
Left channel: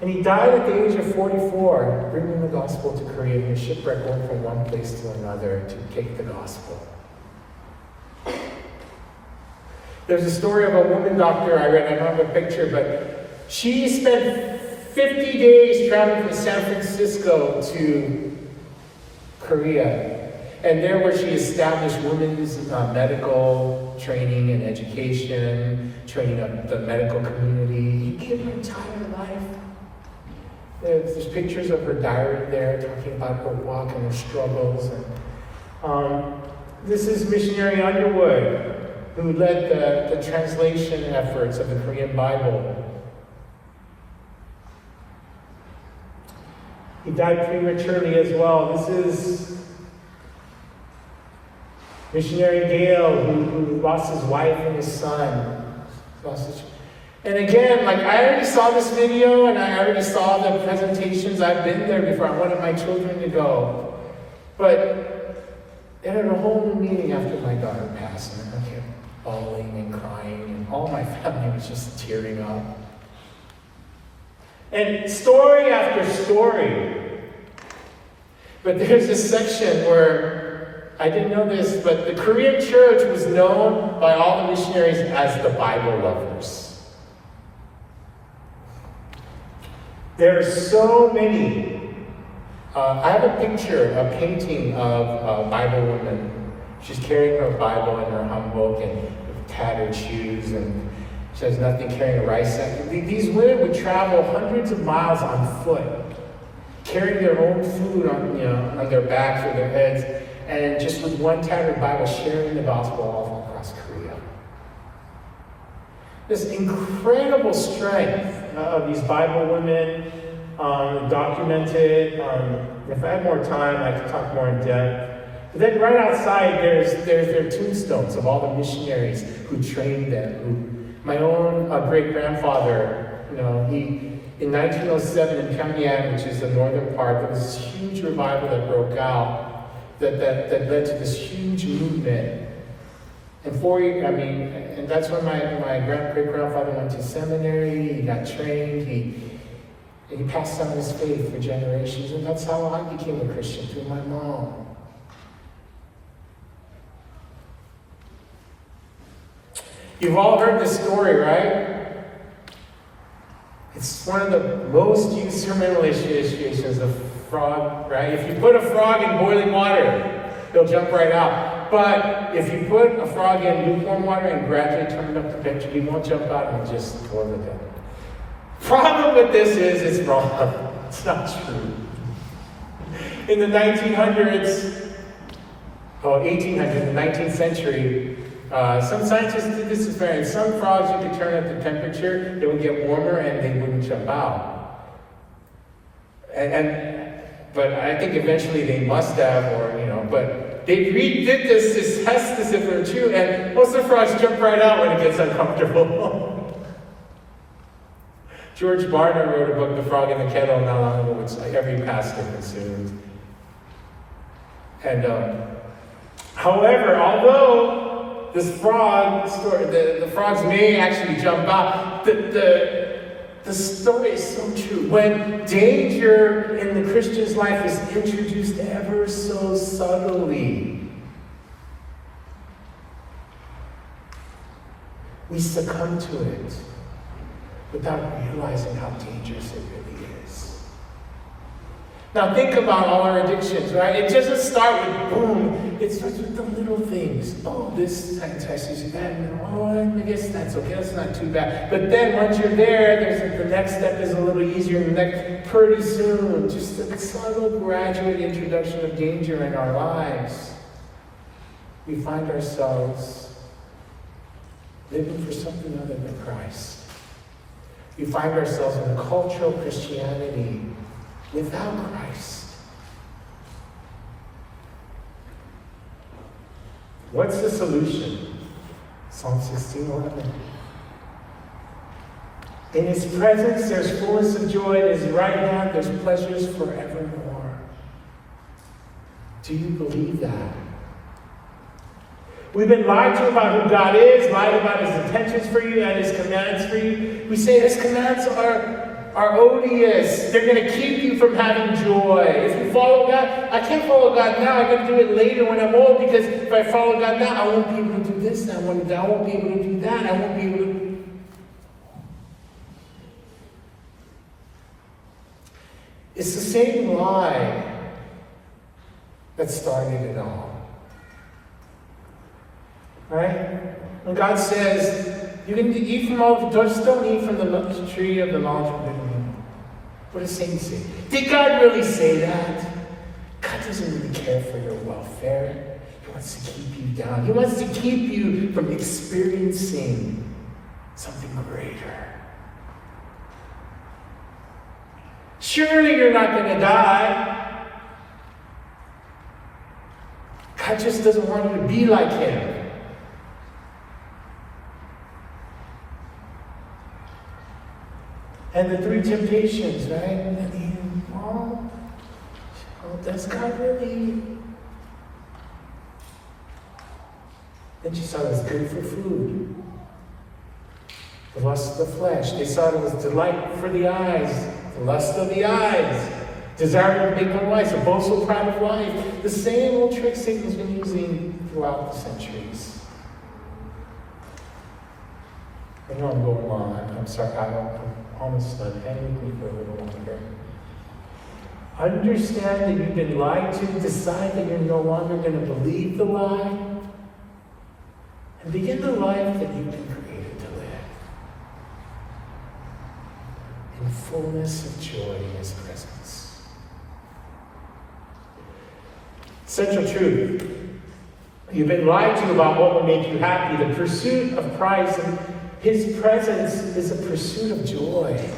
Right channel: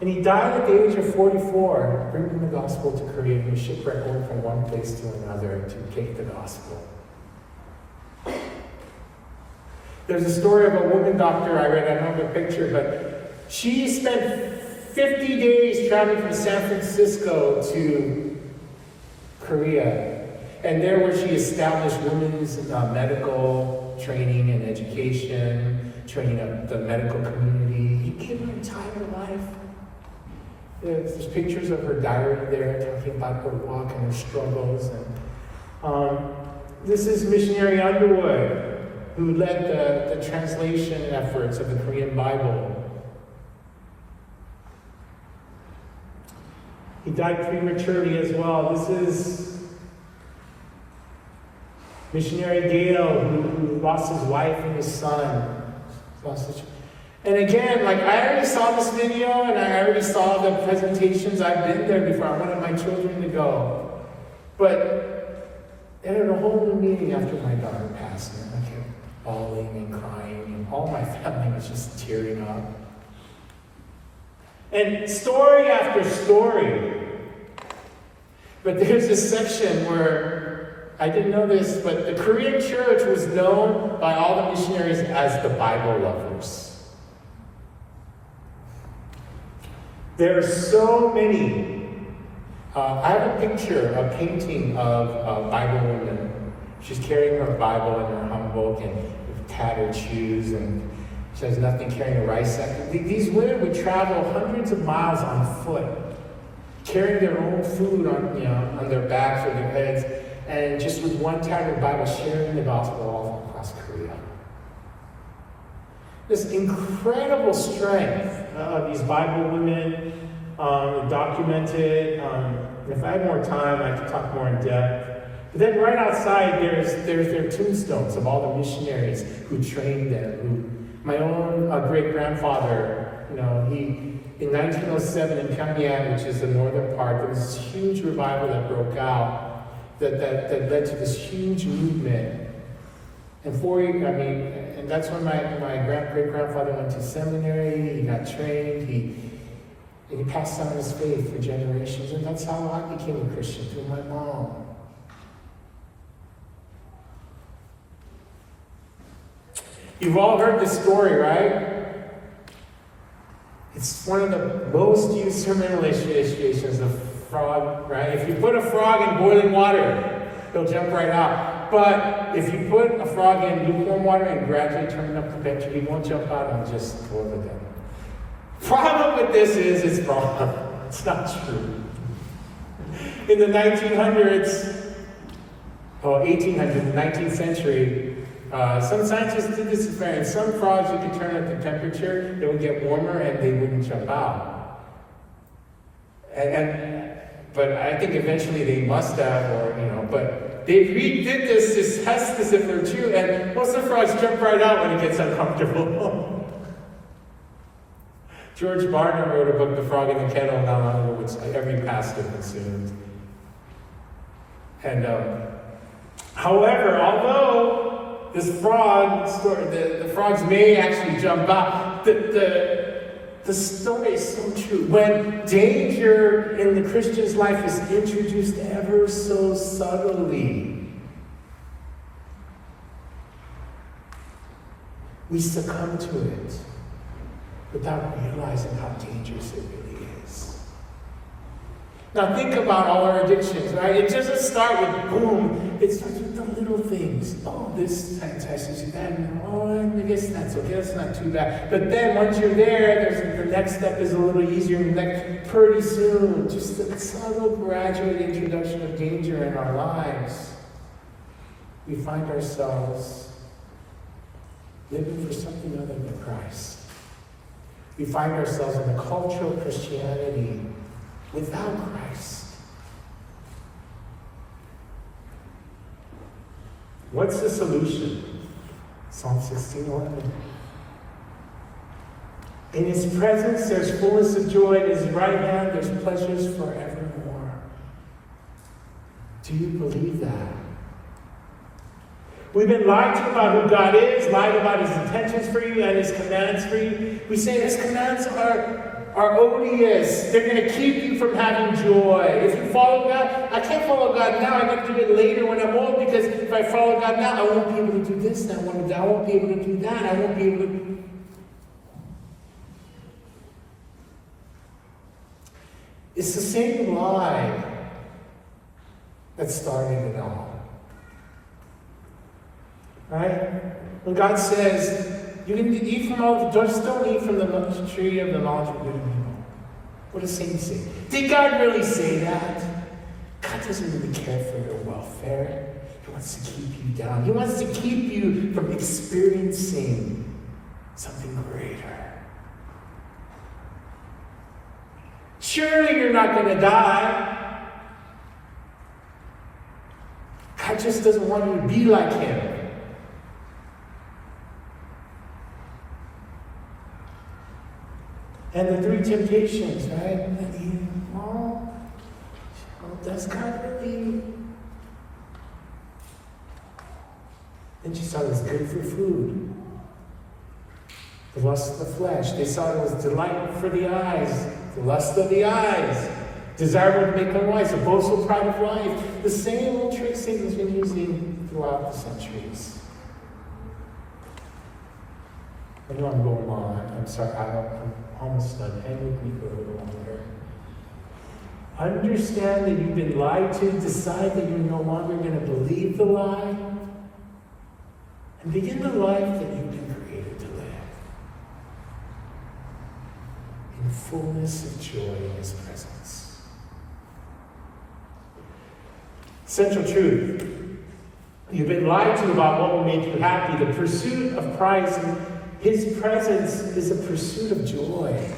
And he died at the age of 44, bringing the gospel to Korea in a shipwreck, going from one place to another to take the gospel. There's a story of a woman doctor I read, I don't have a picture, but she spent 50 days traveling from San Francisco to Korea. And there where she established women's medical training and education, training of the medical community. You give her entire life. There's pictures of her diary there talking about her walk and her struggles. And this is Missionary Underwood, who led the translation efforts of the Korean Bible. He died prematurely as well. This is Missionary Gale, who lost his wife and his son. And again, like I already saw this video and I already saw the presentations. I've been there before. I wanted my children to go. But they had a whole new meeting after my daughter passed. And I kept bawling and crying, and all my family was just tearing up. And story after story. But there's a section where, I didn't know this, but the Korean church was known by all the missionaries as the Bible lovers. There are so many. I have a picture, a painting of a Bible woman. She's carrying her Bible in her hanbok and tattered shoes, and she has nothing, carrying a rice sack. These women would travel hundreds of miles on foot, carrying their own food on their backs or their heads, and just with one tattered Bible, sharing the gospel all across Korea. This incredible strength of these Bible women, documented. If I had more time, I could talk more in depth. But then right outside, there's their tombstones of all the missionaries who trained them. My own great-grandfather, he in 1907 in Pyongyang, which is the northern part, there was this huge revival that broke out that led to this huge movement. And and that's when my great-grandfather went to seminary, he got trained, he passed on his faith for generations, and that's how I became a Christian, through my mom. You've all heard this story, right? It's one of the most used sermon illustrations of frog, right? If you put a frog in boiling water, he'll jump right out. But if you put a frog in lukewarm water and gradually turn it up to temperature, he won't jump out and just go over there. Problem with this is it's wrong. It's not true. In the 1800s, the 19th century, some scientists did this experiment. Some frogs, you could turn up the temperature, they would get warmer and they wouldn't jump out. But I think eventually they must have, but they redid this to test this if they're true, and most of the frogs jump right out when it gets uncomfortable. George Barna wrote a book, The Frog in the Kettle, not long ago, which every pastor consumed. And however, although this frog story, the frogs may actually jump out, the story is so true. When danger in the Christian's life is introduced ever so subtly, we succumb to it without realizing how dangerous it really is. Now think about all our addictions, right? It doesn't start with boom. It starts with the little things. Oh, this entices you, that, and I guess that's okay, that's not too bad. But then once you're there, the next step is a little easier, and pretty soon, just a subtle, gradual introduction of danger in our lives, we find ourselves living for something other than Christ. We find ourselves in a cultural Christianity without Christ. What's the solution? Psalm 16:11. In his presence there's fullness of joy, in his right hand there's pleasures forevermore. Do you believe that? We've been lied to about who God is, lied about his intentions for you and his commands for you. We say his commands are are odious. They're going to keep you from having joy. If you follow God, I can't follow God now. I got to do it later when I'm old, because if I follow God now, I won't be able to do this. I won't be able to do that. I won't be able to. It's the same lie that started it all. Right? When God says, you can eat from all, just don't eat from the tree of the knowledge of good and evil. What does Satan say? Did God really say that? God doesn't really care for your welfare. He wants to keep you down. He wants to keep you from experiencing something greater. Surely you're not going to die. God just doesn't want you to be like him. And the three temptations, right? Oh, does God really? Then she saw it was good for food. The lust of the flesh. They saw it was delight for the eyes. The lust of the eyes. Desire to make them wise. A boastful pride of life. The same old trick Satan's been using throughout the centuries. I know I'm going on. I'm sorry. I'm almost done. Hang with me for a little longer. Understand that you've been lied to. Decide that you're no longer going to believe the lie. And begin the life that you've been created to live. In fullness of joy in his presence. Central truth. You've been lied to about what will make you happy. The pursuit of Christ and his presence is a pursuit of joy.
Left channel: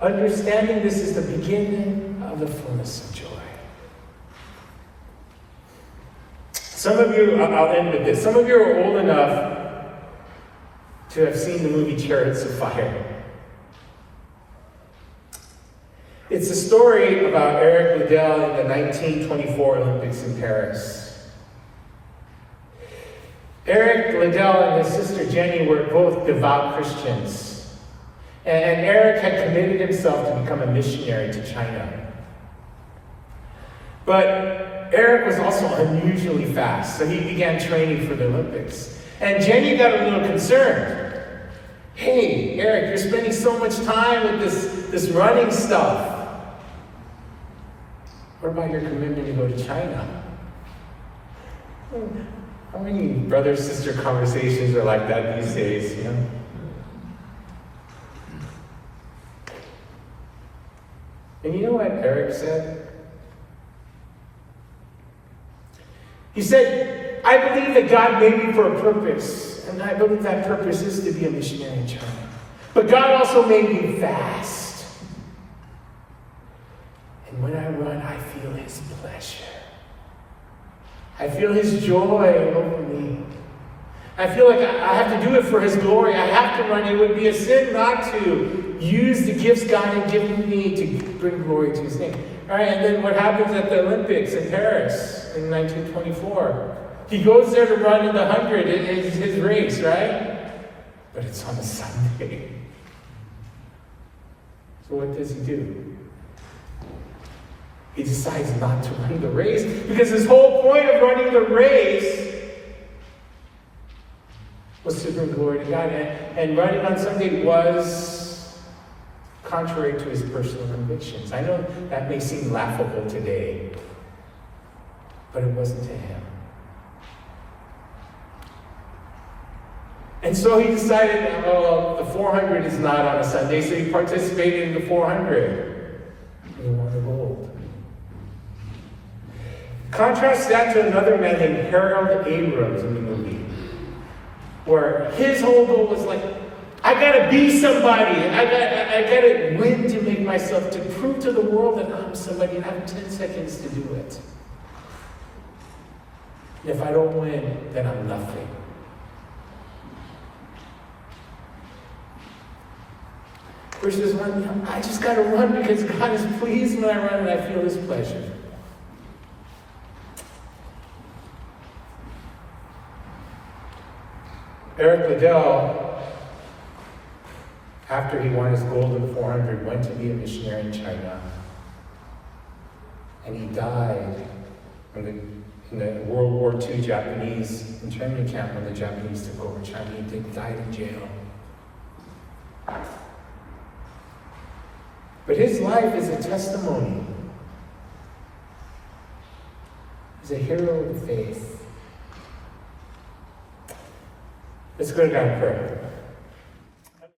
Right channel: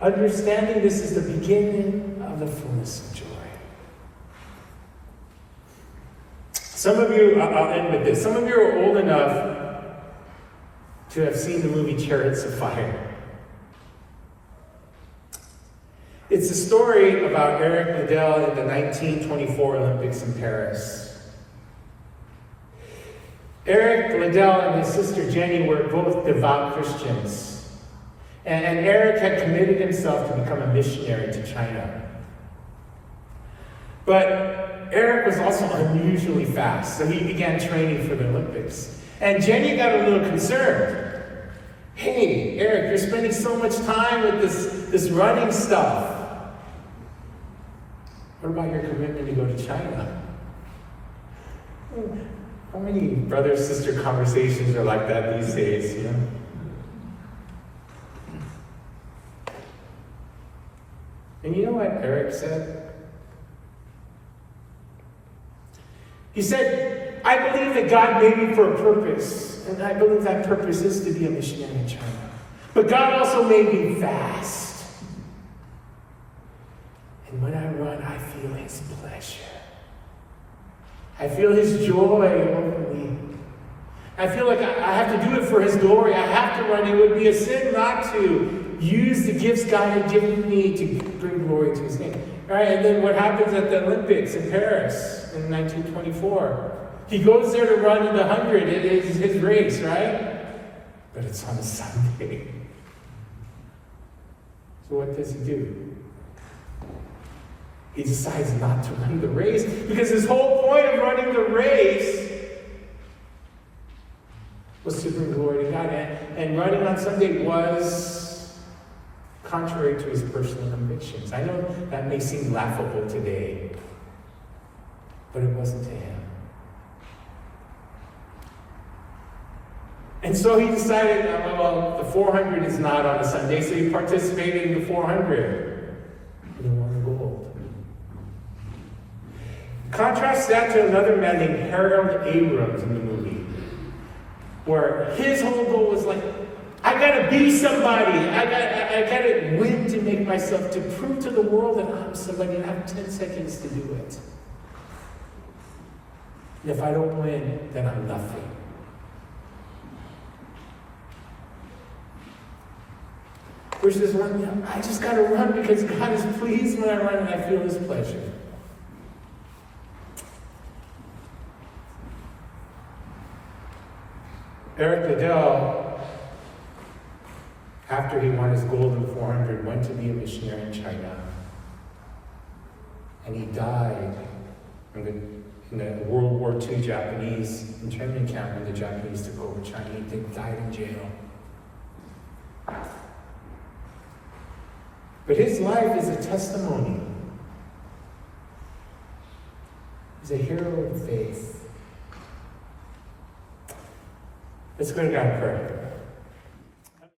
Understanding this is the beginning of the fullness of joy. Some of you, I'll end with this. Some of you are old enough to have seen the movie Chariots of Fire. It's a story about Eric Liddell in the 1924 Olympics in Paris. Eric Liddell and his sister Jenny were both devout Christians. And Eric had committed himself to become a missionary to China. But Eric was also unusually fast, so he began training for the Olympics. And Jenny got a little concerned. Hey, Eric, you're spending so much time with this running stuff. What about your commitment to go to China? How many brother-sister conversations are like that these days, you know? And you know what Eric said? He said, I believe that God made me for a purpose, and I believe that purpose is to be a missionary in China. But God also made me fast. And when I run, I feel his pleasure. I feel his joy over me. I feel like I have to do it for his glory. I have to run. It would be a sin not to use the gifts God had given me to bring glory to his name. All right, and then what happens at the Olympics in Paris in 1924? He goes there to run in the 100. It is his race, right? But it's on a Sunday. So what does he do? He decides not to run the race because his whole point of running the race was to bring glory to God. And running on Sunday was contrary to his personal convictions. I know that may seem laughable today, but it wasn't to him. And so he decided, well, the 400 is not on a Sunday, so he participated in the 400. He won the gold. Contrast that to another man named Harold Abrams in the movie, where his whole goal was like, I gotta be somebody. I gotta win to make myself, to prove to the world that I'm somebody, and I have 10 seconds to do it. And if I don't win, then I'm nothing. Versus one, I just gotta run because God is pleased when I run and I feel his pleasure. Eric Liddell after he won his gold in 400, went to be a missionary in China. And he died in the World War II Japanese internment camp when the Japanese took over China. He died in jail. But his life is a testimony. He's a hero of faith. Let's go to God in prayer.